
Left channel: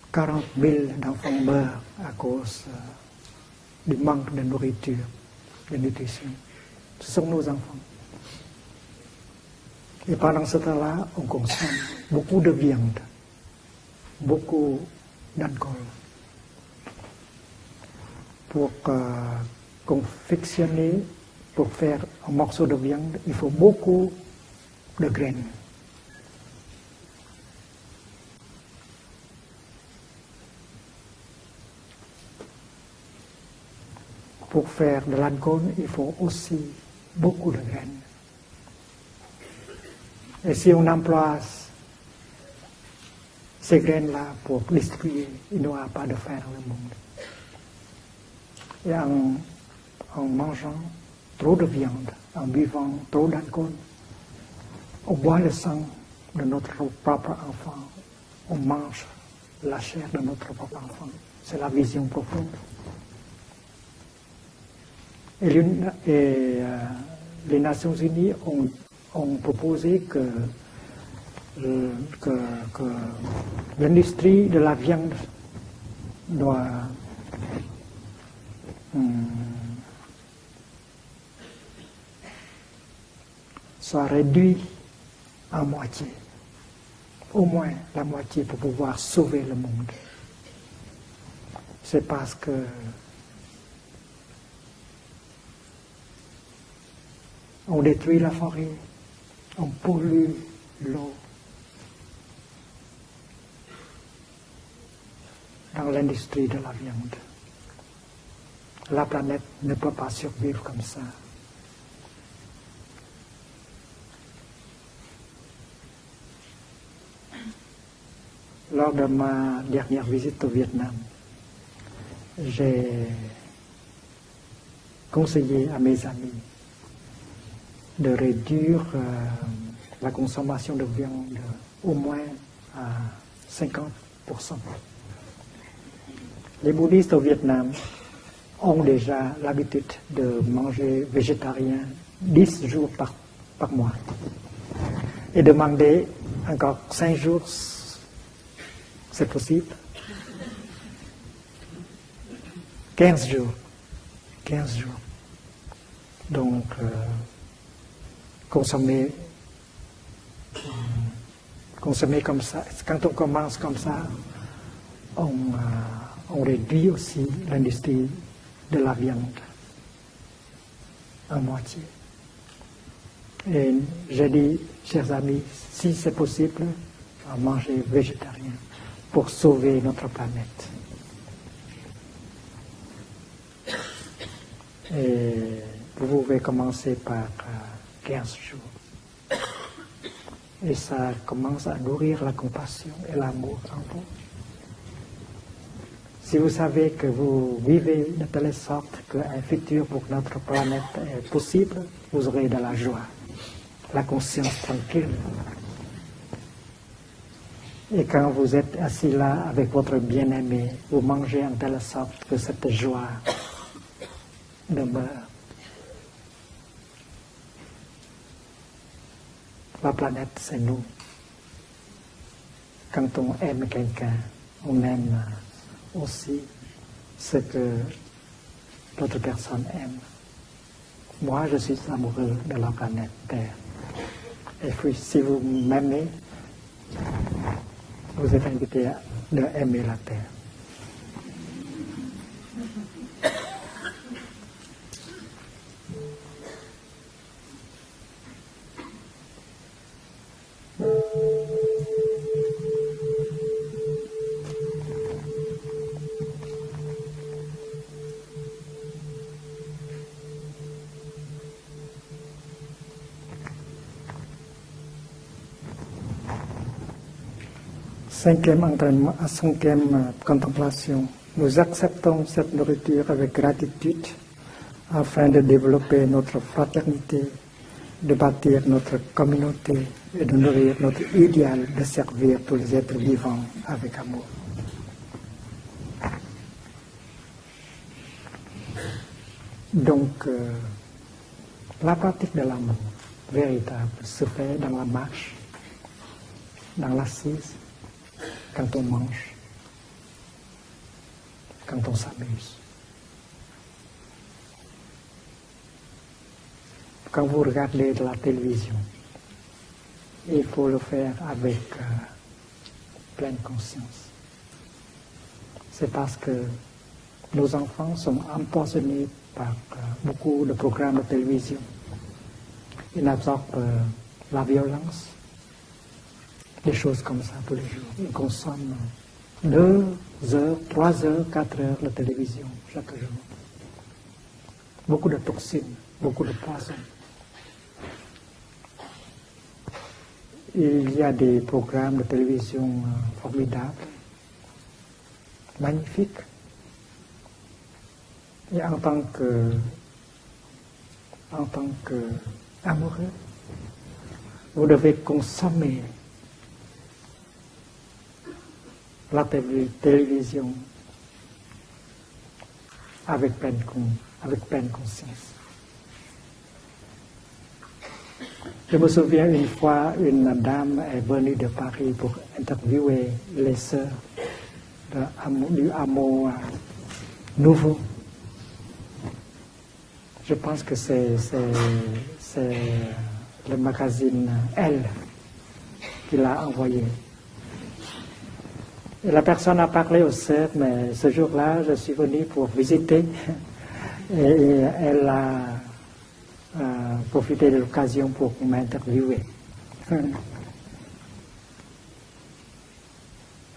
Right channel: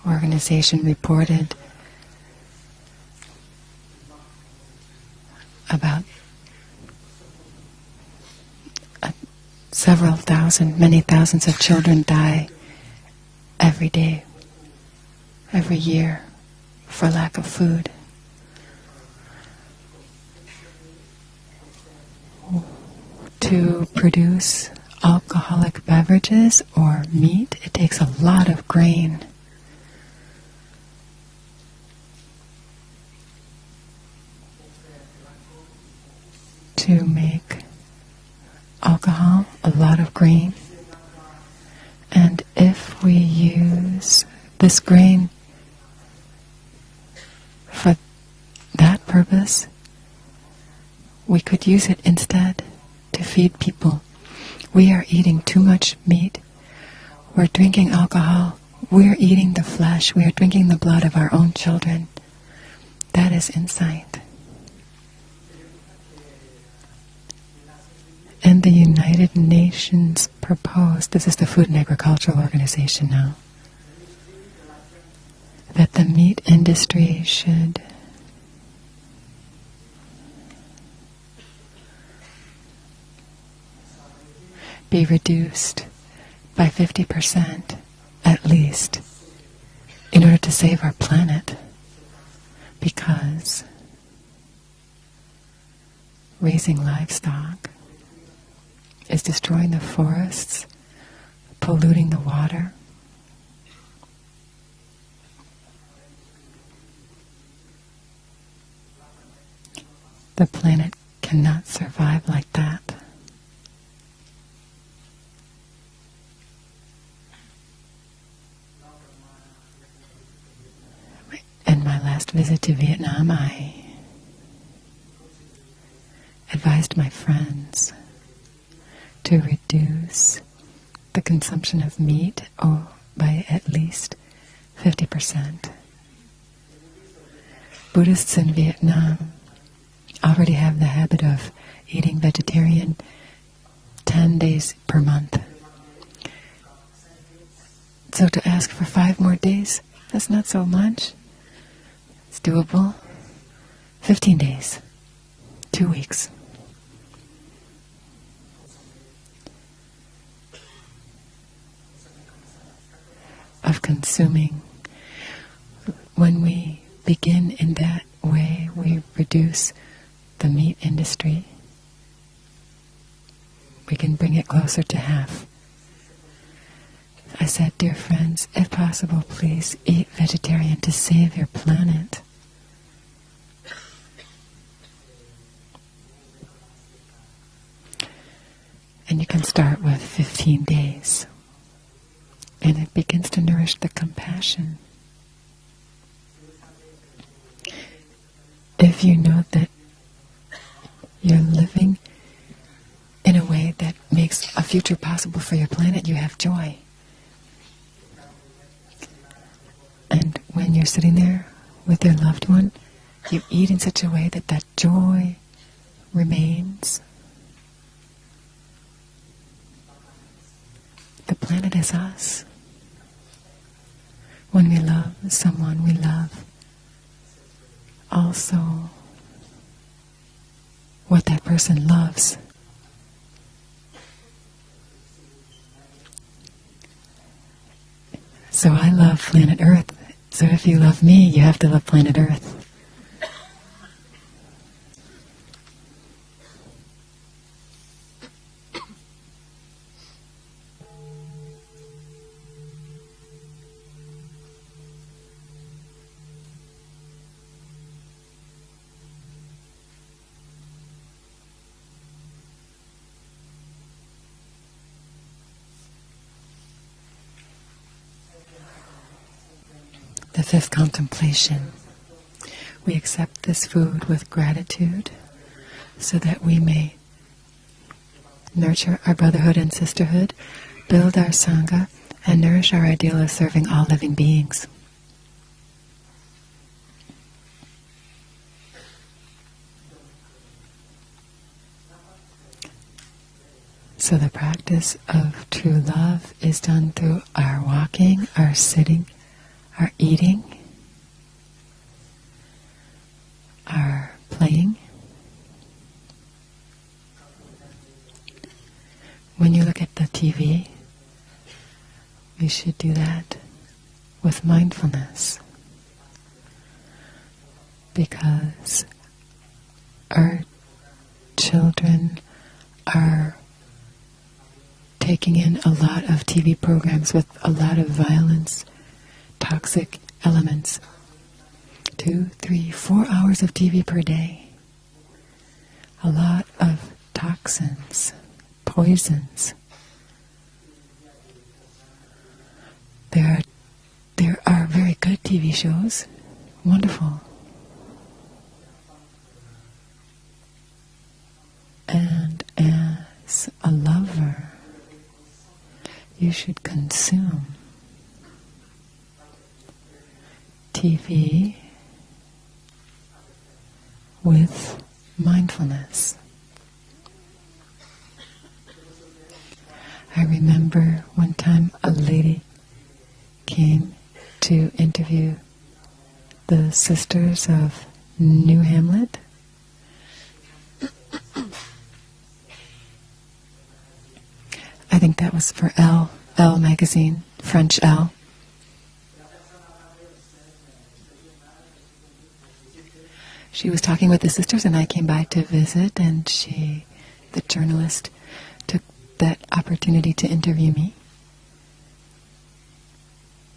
Organization, reported à cause du manque de nourriture. About Ce sont nos enfants. several thousand, many thousands of children die every day, every year, for lack of food. Pour confectionner, pour faire un morceau de viande, il faut To beaucoup produce de graines. alcoholic beverages or meat, it takes a lot of grain. Pour faire de l'alcool, il faut aussi To make beaucoup de graines. alcohol, a lot of Et grain. si on emploie And if we ces use graines-là pour this le grain il n'y aura pas de faim dans le monde. for that purpose, En mangeant we trop could de use it viande, instead buvant to trop feed d'alcool, people. We are on boit eating le too sang much meat. de notre propre We're enfant. drinking alcohol. We're eating the flesh. We are drinking the blood of our own C'est la vision children. profonde. That is insight. Les Nations Unies And the ont United proposé Nations que proposed, this is the Food and Agricultural Organization now, l'industrie de la viande that the meat doit industry should soit réduite be à reduced moitié, by au moins 50% la moitié at pour pouvoir least sauver le monde. in order to save our planet, C'est parce que because raising livestock on détruit la forêt, is destroying the pollue forests, l'eau. polluting the water. Dans l'industrie de la viande, la planète ne peut pas The survivre comme planet ça. cannot survive like that. Lors de ma dernière visite au Vietnam, In my last visit to J'ai- Vietnam, I conseillé à mes amis advised my friends de réduire to la reduce consommation de viande the consumption au of moins meat à by at 50%. least 50%. Les bouddhistes au Vietnam Buddhists in ont Vietnam déjà l'habitude de already have the manger habit of végétarien eating 10 vegetarian jours par mois. 10 days per month. Et demander encore 5 jours, So to ask for 5 more possible. days, that's not so much. It's doable. 15 jours, 15 15 days, jours. 2 weeks. Donc, consommer comme ça. Quand on commence comme Of ça, consuming. on When we réduit aussi begin in that l'industrie way, de la we viande reduce the meat industry. à moitié. Et We can j'ai bring dit, it closer to chers half. amis, si c'est possible, I said, manger dear friends, végétarien if possible, pour please sauver notre eat planète. vegetarian to save your planet. Et vous pouvez commencer par 15 jours. And you can start with 15 Et ça days. commence à nourrir la And compassion. it begins to l'amour. nourish the compassion. Si vous savez que vous vivez de telle sorte If you que know un that futur pour notre planète est you're possible, living vous aurez de la joie. in a way La that makes conscience a future tranquille. possible for your planet, you have joy. Et quand vous êtes assis là avec votre bien-aimé, when you're vous sitting mangez there en telle with sorte your que loved cette one, joie You eat in such a way that that joy remains. la planète, c'est nous. The planet is us. Quand on aime quelqu'un, When on we aime love someone, we love aussi ce que also l'autre personne aime. what Moi, that je person suis loves. amoureux de la planète Terre. Et puis, si vous m'aimez, vous êtes So invité I love à planet aimer Earth. la Terre. So if you love me, you have to love planet Earth. Cinquième entraînement, cinquième contemplation. contemplation. Nous acceptons cette We nourriture avec accept this gratitude food with gratitude, afin de développer so notre that we may fraternité, de bâtir nurture notre our brotherhood and communauté et sisterhood, de nourrir notre build our idéal de sangha, servir and tous nourish les our êtres ideal of vivants serving all avec living amour. beings. Donc, la pratique de l'amour véritable. So the practice of true love is done through our walking, our sitting, our eating, quand on s'amuse. Our playing. Quand vous regardez la télévision, when you look at the TV, il faut le faire avec you should do that pleine conscience. with mindfulness. C'est parce que nos enfants sont empoisonnés par beaucoup de programmes de télévision. Children are la violence, taking in a lot of TV programs with a lot of violence, toxic elements. 3 heures, 4 heures de 2, télévision. 3, 4 hours of TV per day. Beaucoup de toxines. A lot of toxins, poisons. Il y a des programmes de télévision formidables. There are very good TV shows. Magnifiques. Wonderful. Et en tant que And as a lover, vous devez consommer you should consume la télévision TV avec pleine with conscience. mindfulness. Je me souviens une fois, I une dame remember est venue one de time Paris a pour lady interviewer les came sœurs to interview du hameau. the sisters Nouveau. of New Hamlet. Je pense que c'est le magazine Elle. I think that was for Elle magazine, French Elle. Et la personne a parlé aux sœurs, mais ce jour-là, je suis venu pour visiter. She was talking with the sisters and I came by to visit, and she, profité the de journalist, l'occasion pour took m'interviewer. that opportunity to interview me.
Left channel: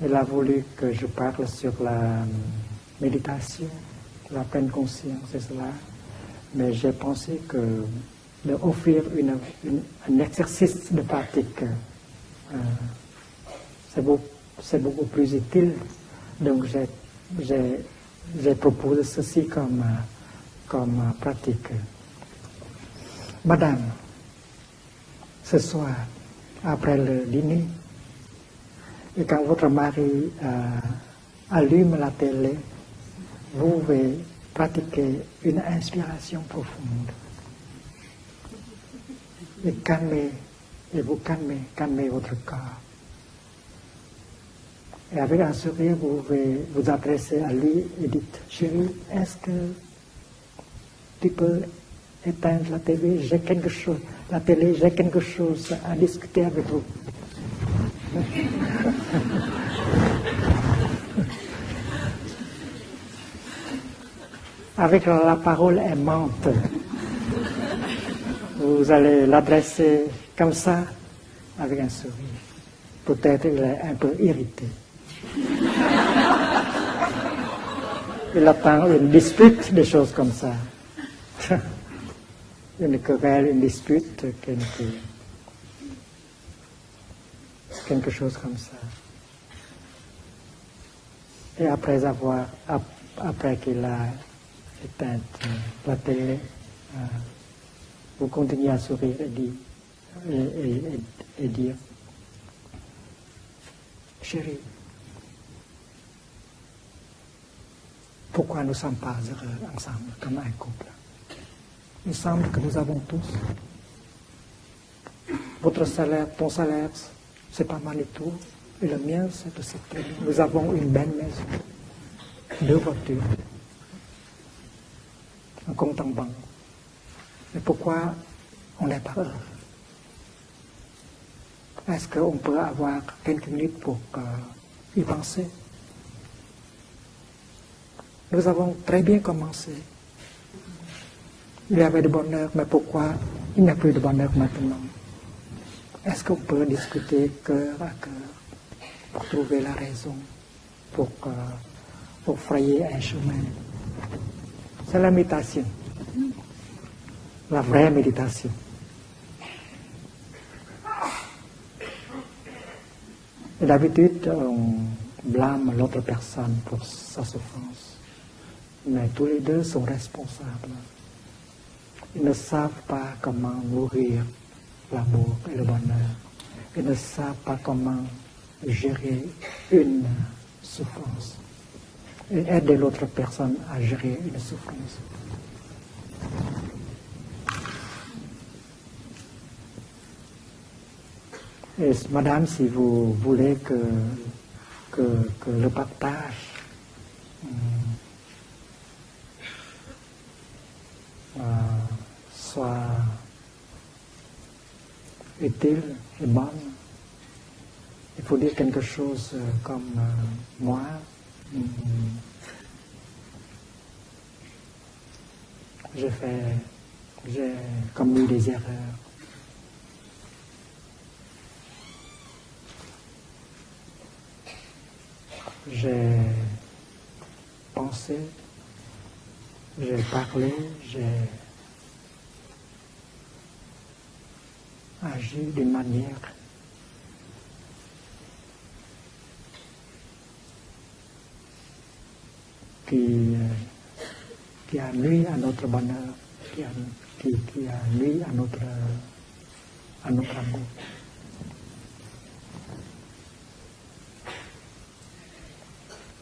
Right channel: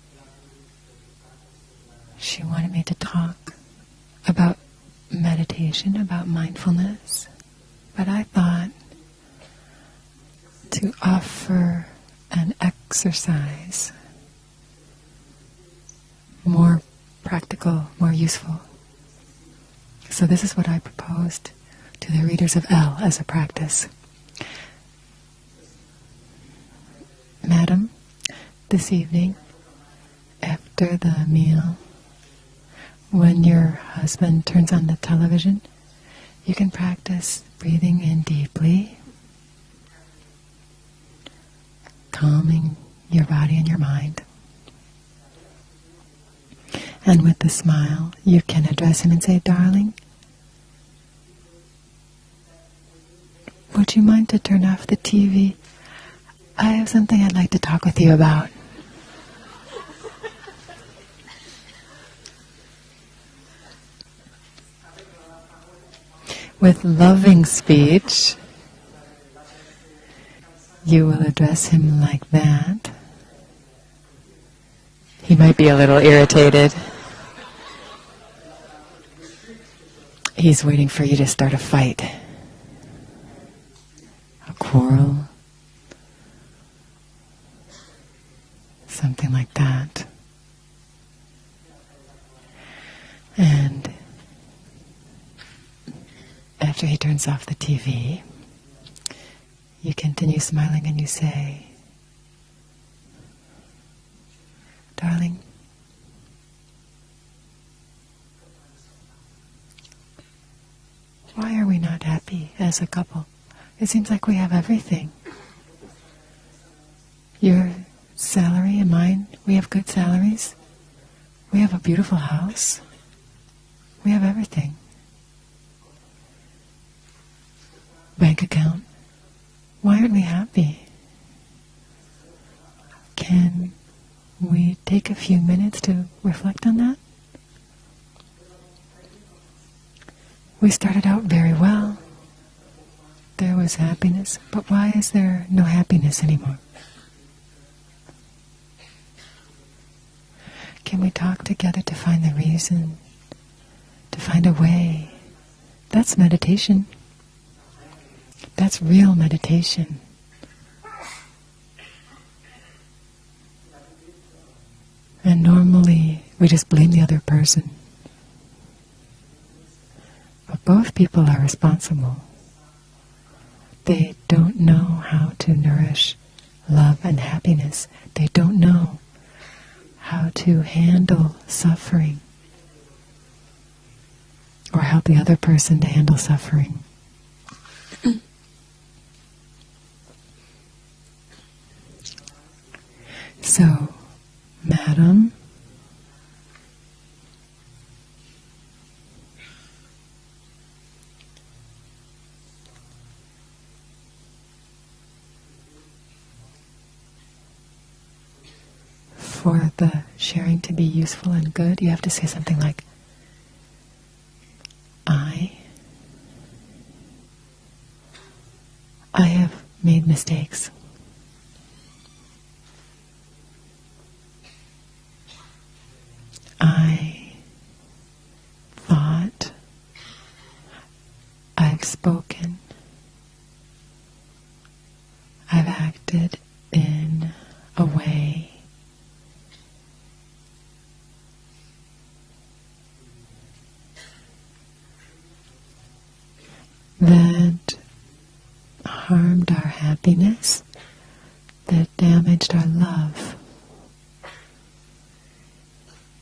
Elle a voulu que je parle sur la She wanted me to talk méditation, la about pleine conscience. meditation, about Mais j'ai mindfulness, pensé que but I thought offrir un exercice to de pratique, offer an exercise c'est beaucoup plus utile. Donc more practical, more je useful. propose ceci comme So this is what I comme proposed pratique. to the readers of Elle as a practice. Madame, ce soir, après le dîner, Madam, this et evening, quand votre mari after the meal, allume la télé, when your vous pouvez husband turns on the pratiquer television, une inspiration you can profonde. practice breathing in deeply, Et vous calmez votre calming corps. your body and your mind. Et avec un sourire, vous pouvez vous And adresser with a à lui et smile, dire, you can address him and say, Est-ce que darling, tu peux éteindre la télé, j'ai quelque chose, would you mind to la turn télé, off j'ai the quelque TV? chose à discuter avec I vous. have something I'd like to talk with you about. Avec la parole aimante, With loving speech, vous allez l'adresser comme ça. you will address him like that. Peut-être il est un peu irrité. He might be a little irritated. Il attend une dispute, des choses comme ça. He's waiting for you to start a fight. Une querelle, une dispute, Quarrel, quelque chose comme ça. something like that. Et après qu'il a éteint la télé, After he turns off the TV, vous continuez à sourire et dire, you continue smiling and you et say, dire, chérie, darling, pourquoi nous ne sommes pas heureux ensemble comme un couple? why are we not happy as a couple? It seems like we have everything. Votre salaire, ton salaire, Your c'est pas mal du tout. salary and Le mine, mien, we have good nous salaries. avons une belle maison, We have a beautiful house. 2 voitures, We have everything. un compte en banque. Mais pourquoi Bank account. on n'est pas heureux? Why aren't we happy? Est-ce qu'on peut avoir quelques Can minutes pour we take a few penser? minutes to reflect on that? Nous avons très bien commencé. We started out very Il y well. avait du bonheur, mais pourquoi There il n'y a was plus de bonheur happiness, but maintenant? why is there no happiness Est-ce qu'on anymore? peut discuter cœur à cœur pour trouver la raison, Can we talk together to find the pour frayer reason, un chemin? to find a way? C'est la méditation, That's meditation. la vraie méditation. That's real meditation. Et d'habitude, on And blâme l'autre normally, personne we just blame the pour other sa person. souffrance. Mais tous les deux sont responsables. Both people are responsible. Ils ne savent pas comment They nourrir don't know how to nourish love and happiness. They don't know gérer une how to handle suffering et aider l'autre personne à gérer une souffrance. or help the other person to handle suffering. Madame, si vous voulez So, Madam, que le partage soit utile et bon, il faut dire quelque chose for comme the sharing to be moi, useful and good, you have to say something like, j'ai commis des erreurs. I have made mistakes. J'ai pensé, thought, j'ai parlé, I've spoken, agi I've de manière acted in a way qui a nui à notre bonheur, qui a nui à notre harmed our happiness, that damaged our love.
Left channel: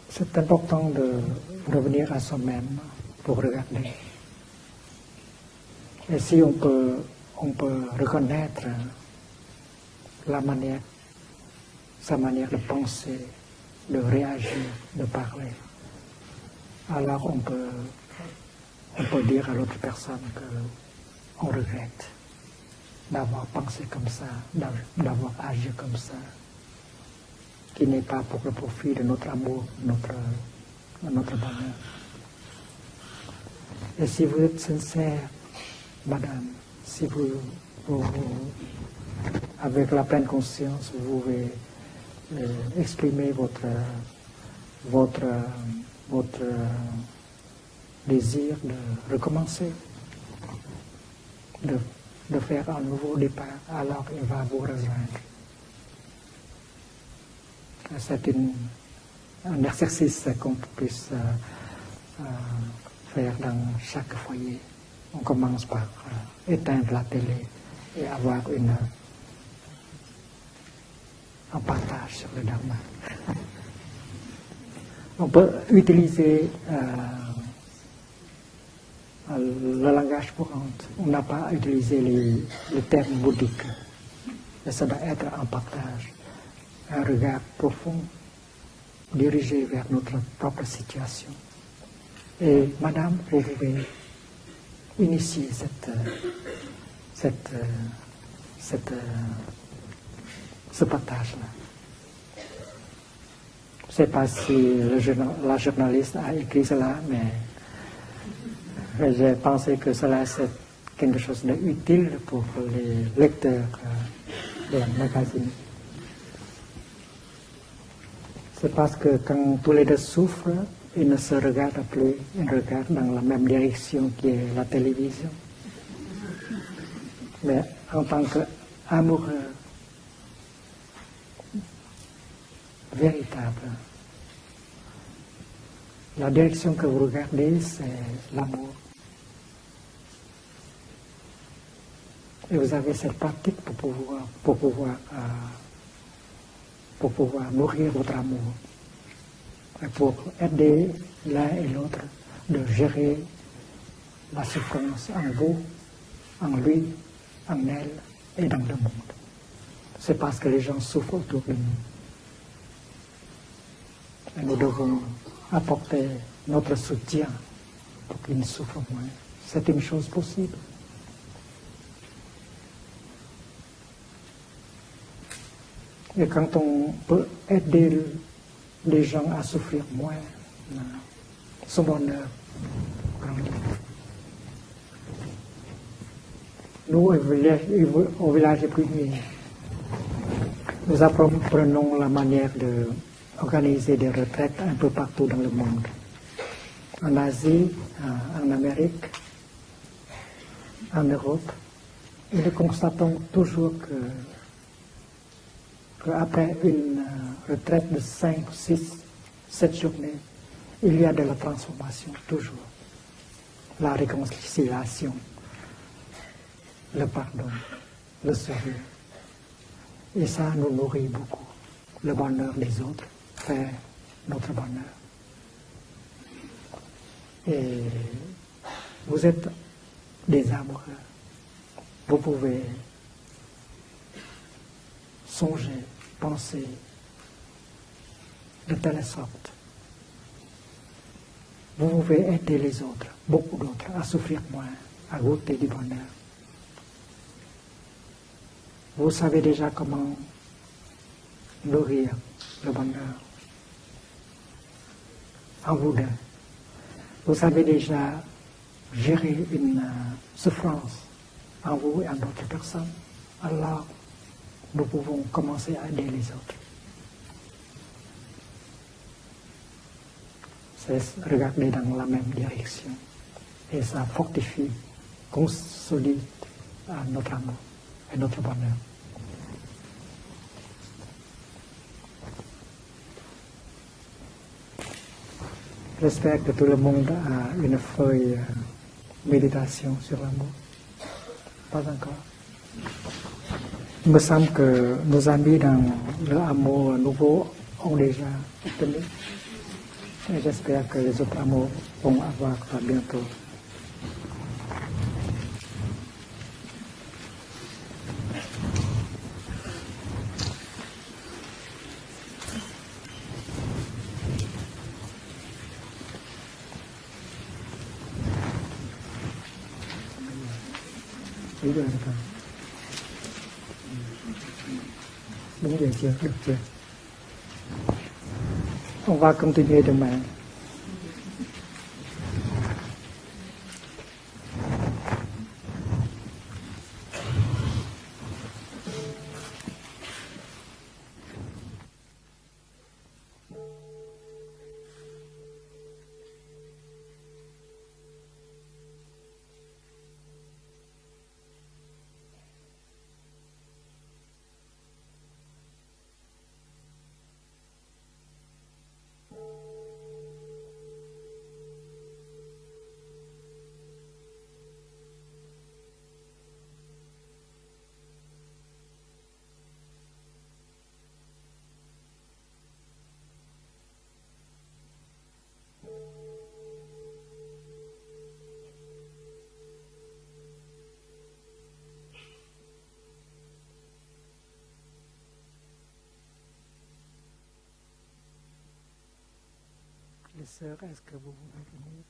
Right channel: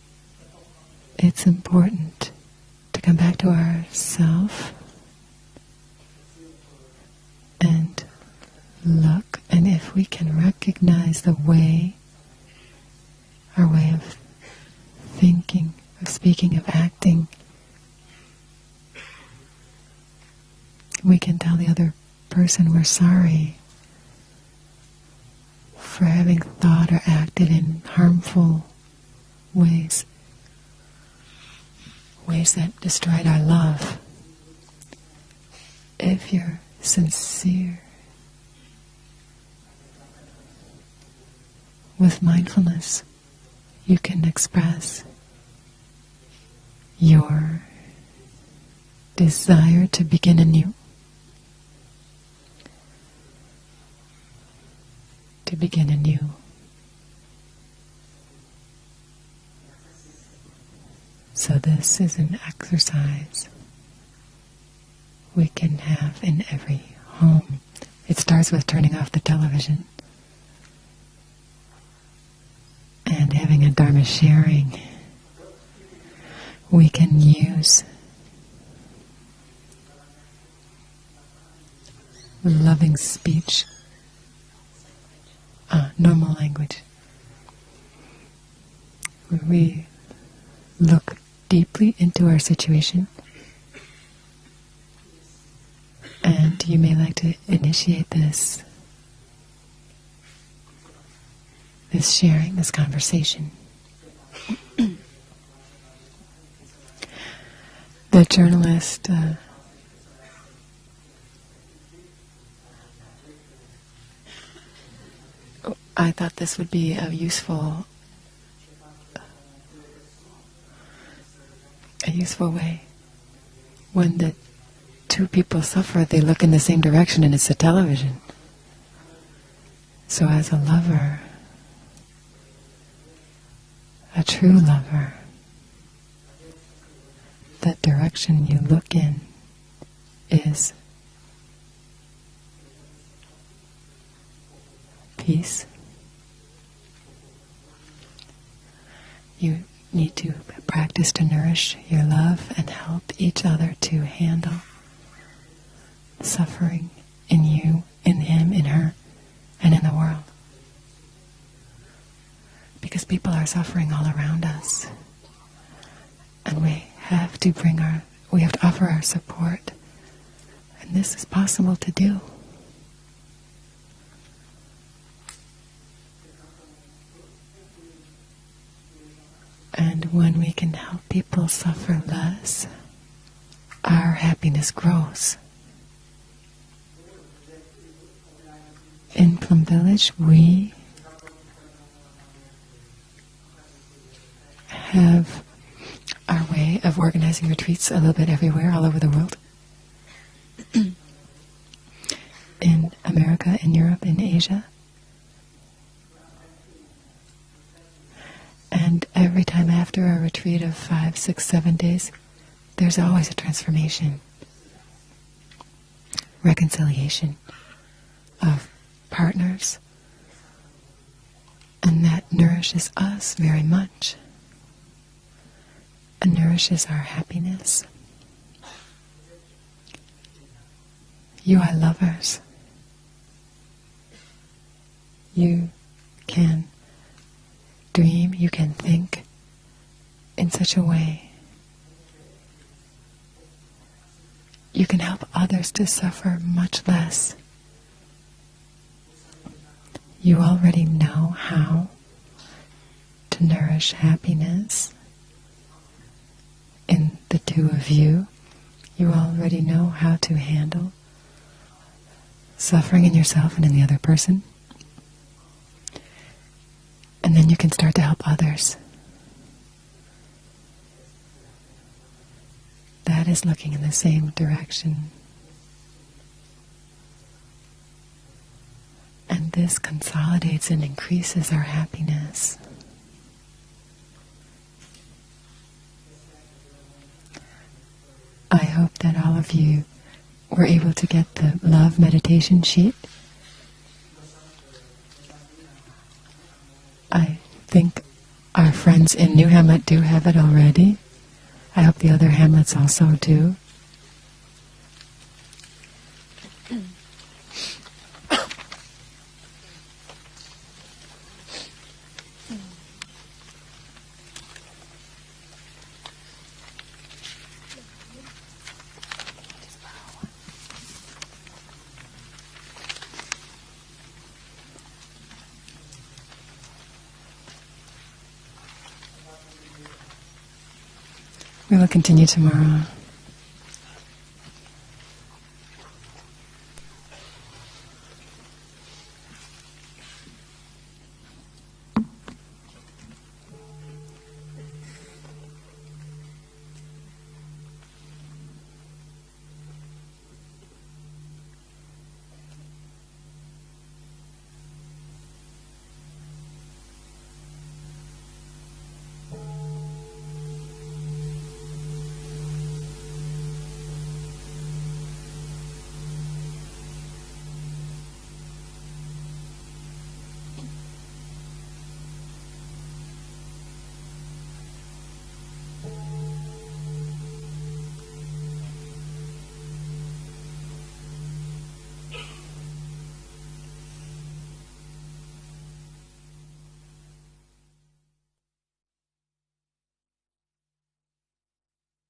C'est important de It's important revenir à soi-même. to come back to pour regarder. ourself Et si on peut reconnaître look, and if we can La manière. recognize the way, sa manière de penser, our way de of réagir, de parler, thinking, of speaking, of alors acting, on peut dire à l'autre personne que we can tell the other person we're d'avoir sorry pensé comme ça, d'avoir agi comme for ça, having thought or acted in qui n'est pas pour le harmful profit de notre amour, ways. notre bonheur. ways that destroyed our love. Et si vous êtes sincère, If Madame, you're sincere avec la pleine conscience, vous pouvez with mindfulness, exprimer you can express votre your désir de recommencer, desire to begin anew, de faire un nouveau départ, alors il va vous rejoindre. to begin anew. C'est un exercice qu'on puisse So this is an faire exercise dans chaque foyer. On we commence can par have in every éteindre la télé home. et It avoir starts with turning off the television un partage sur le Dharma. and having a Dharma sharing. On peut utiliser We can use le langage courant. On n'a pas utilisé les loving termes speech, bouddhiques. Et ça doit être un partage, normal language. un regard profond, dirigé We vers notre propre Look situation. deeply into our Et situation, Madame, vous pouvez initier and you may like to initiate ce partage-là. this sharing, this conversation. Je ne sais pas si la journaliste a écrit cela, mais The journalist je pensais que cela c'est quelque chose d'utile pour les lecteurs de la magazine. I thought this would be a useful C'est parce que quand tous les deux souffrent, ils ne se regardent plus, ils useful way. regardent dans la même direction When que the la télévision. two people suffer, they look in the same direction, and it's the En television. tant qu'amoureux So as a lover, véritable, a true lover, la direction que vous regardez, that c'est direction you l'amour. look in is Et vous avez cette pratique pour peace. pouvoir nourrir votre amour. You need to practice to nourish your love and help each other to La handle souffrance en vous, suffering in you, in him, in her, and in the c'est world. parce que les gens souffrent autour de nous. Because people are suffering all around Nous us. devons apporter And notre we soutien. have to bring we have to offer our support. C'est une chose possible. And this is possible to do. Et quand on peut aider les gens à souffrir And moins, when we can help people suffer less, our happiness grows. nous, au village Plumier, In Plum Village, we nous apprenons la manière d'organiser des retraites un peu partout dans le monde. our way of organizing retreats a little bit everywhere, all over the world. En Europe, et nous In constatons America, in toujours Europe, in Asia. qu'après une retraite de 5, 6, And every time 7 after a jours, retreat of il y a 5, de la 6, 7 days, transformation, toujours. there's always a La transformation, réconciliation, le reconciliation pardon, le of sourire. partners. Et ça nous nourrit beaucoup. And Le that bonheur des nourishes autres us very fait much. notre bonheur. It nourishes our happiness. Et vous êtes des amoureux. You are Vous lovers. pouvez You can dream, you can think in such a way. You can help others to suffer much less. You already know how to nourish happiness. In the two of you, you already know how to handle suffering in yourself and in the other person. And then you can start to help others. That is looking in the same direction. And this consolidates and increases our happiness. I hope that all of you were able to get the love meditation sheet. I think our friends in New Hamlet do have it already. I hope the other Hamlets also do. Đúng vậy chưa? Được chưa? On va continuer demain. We will continue tomorrow. Les sœurs, est-ce que vous voulez venir?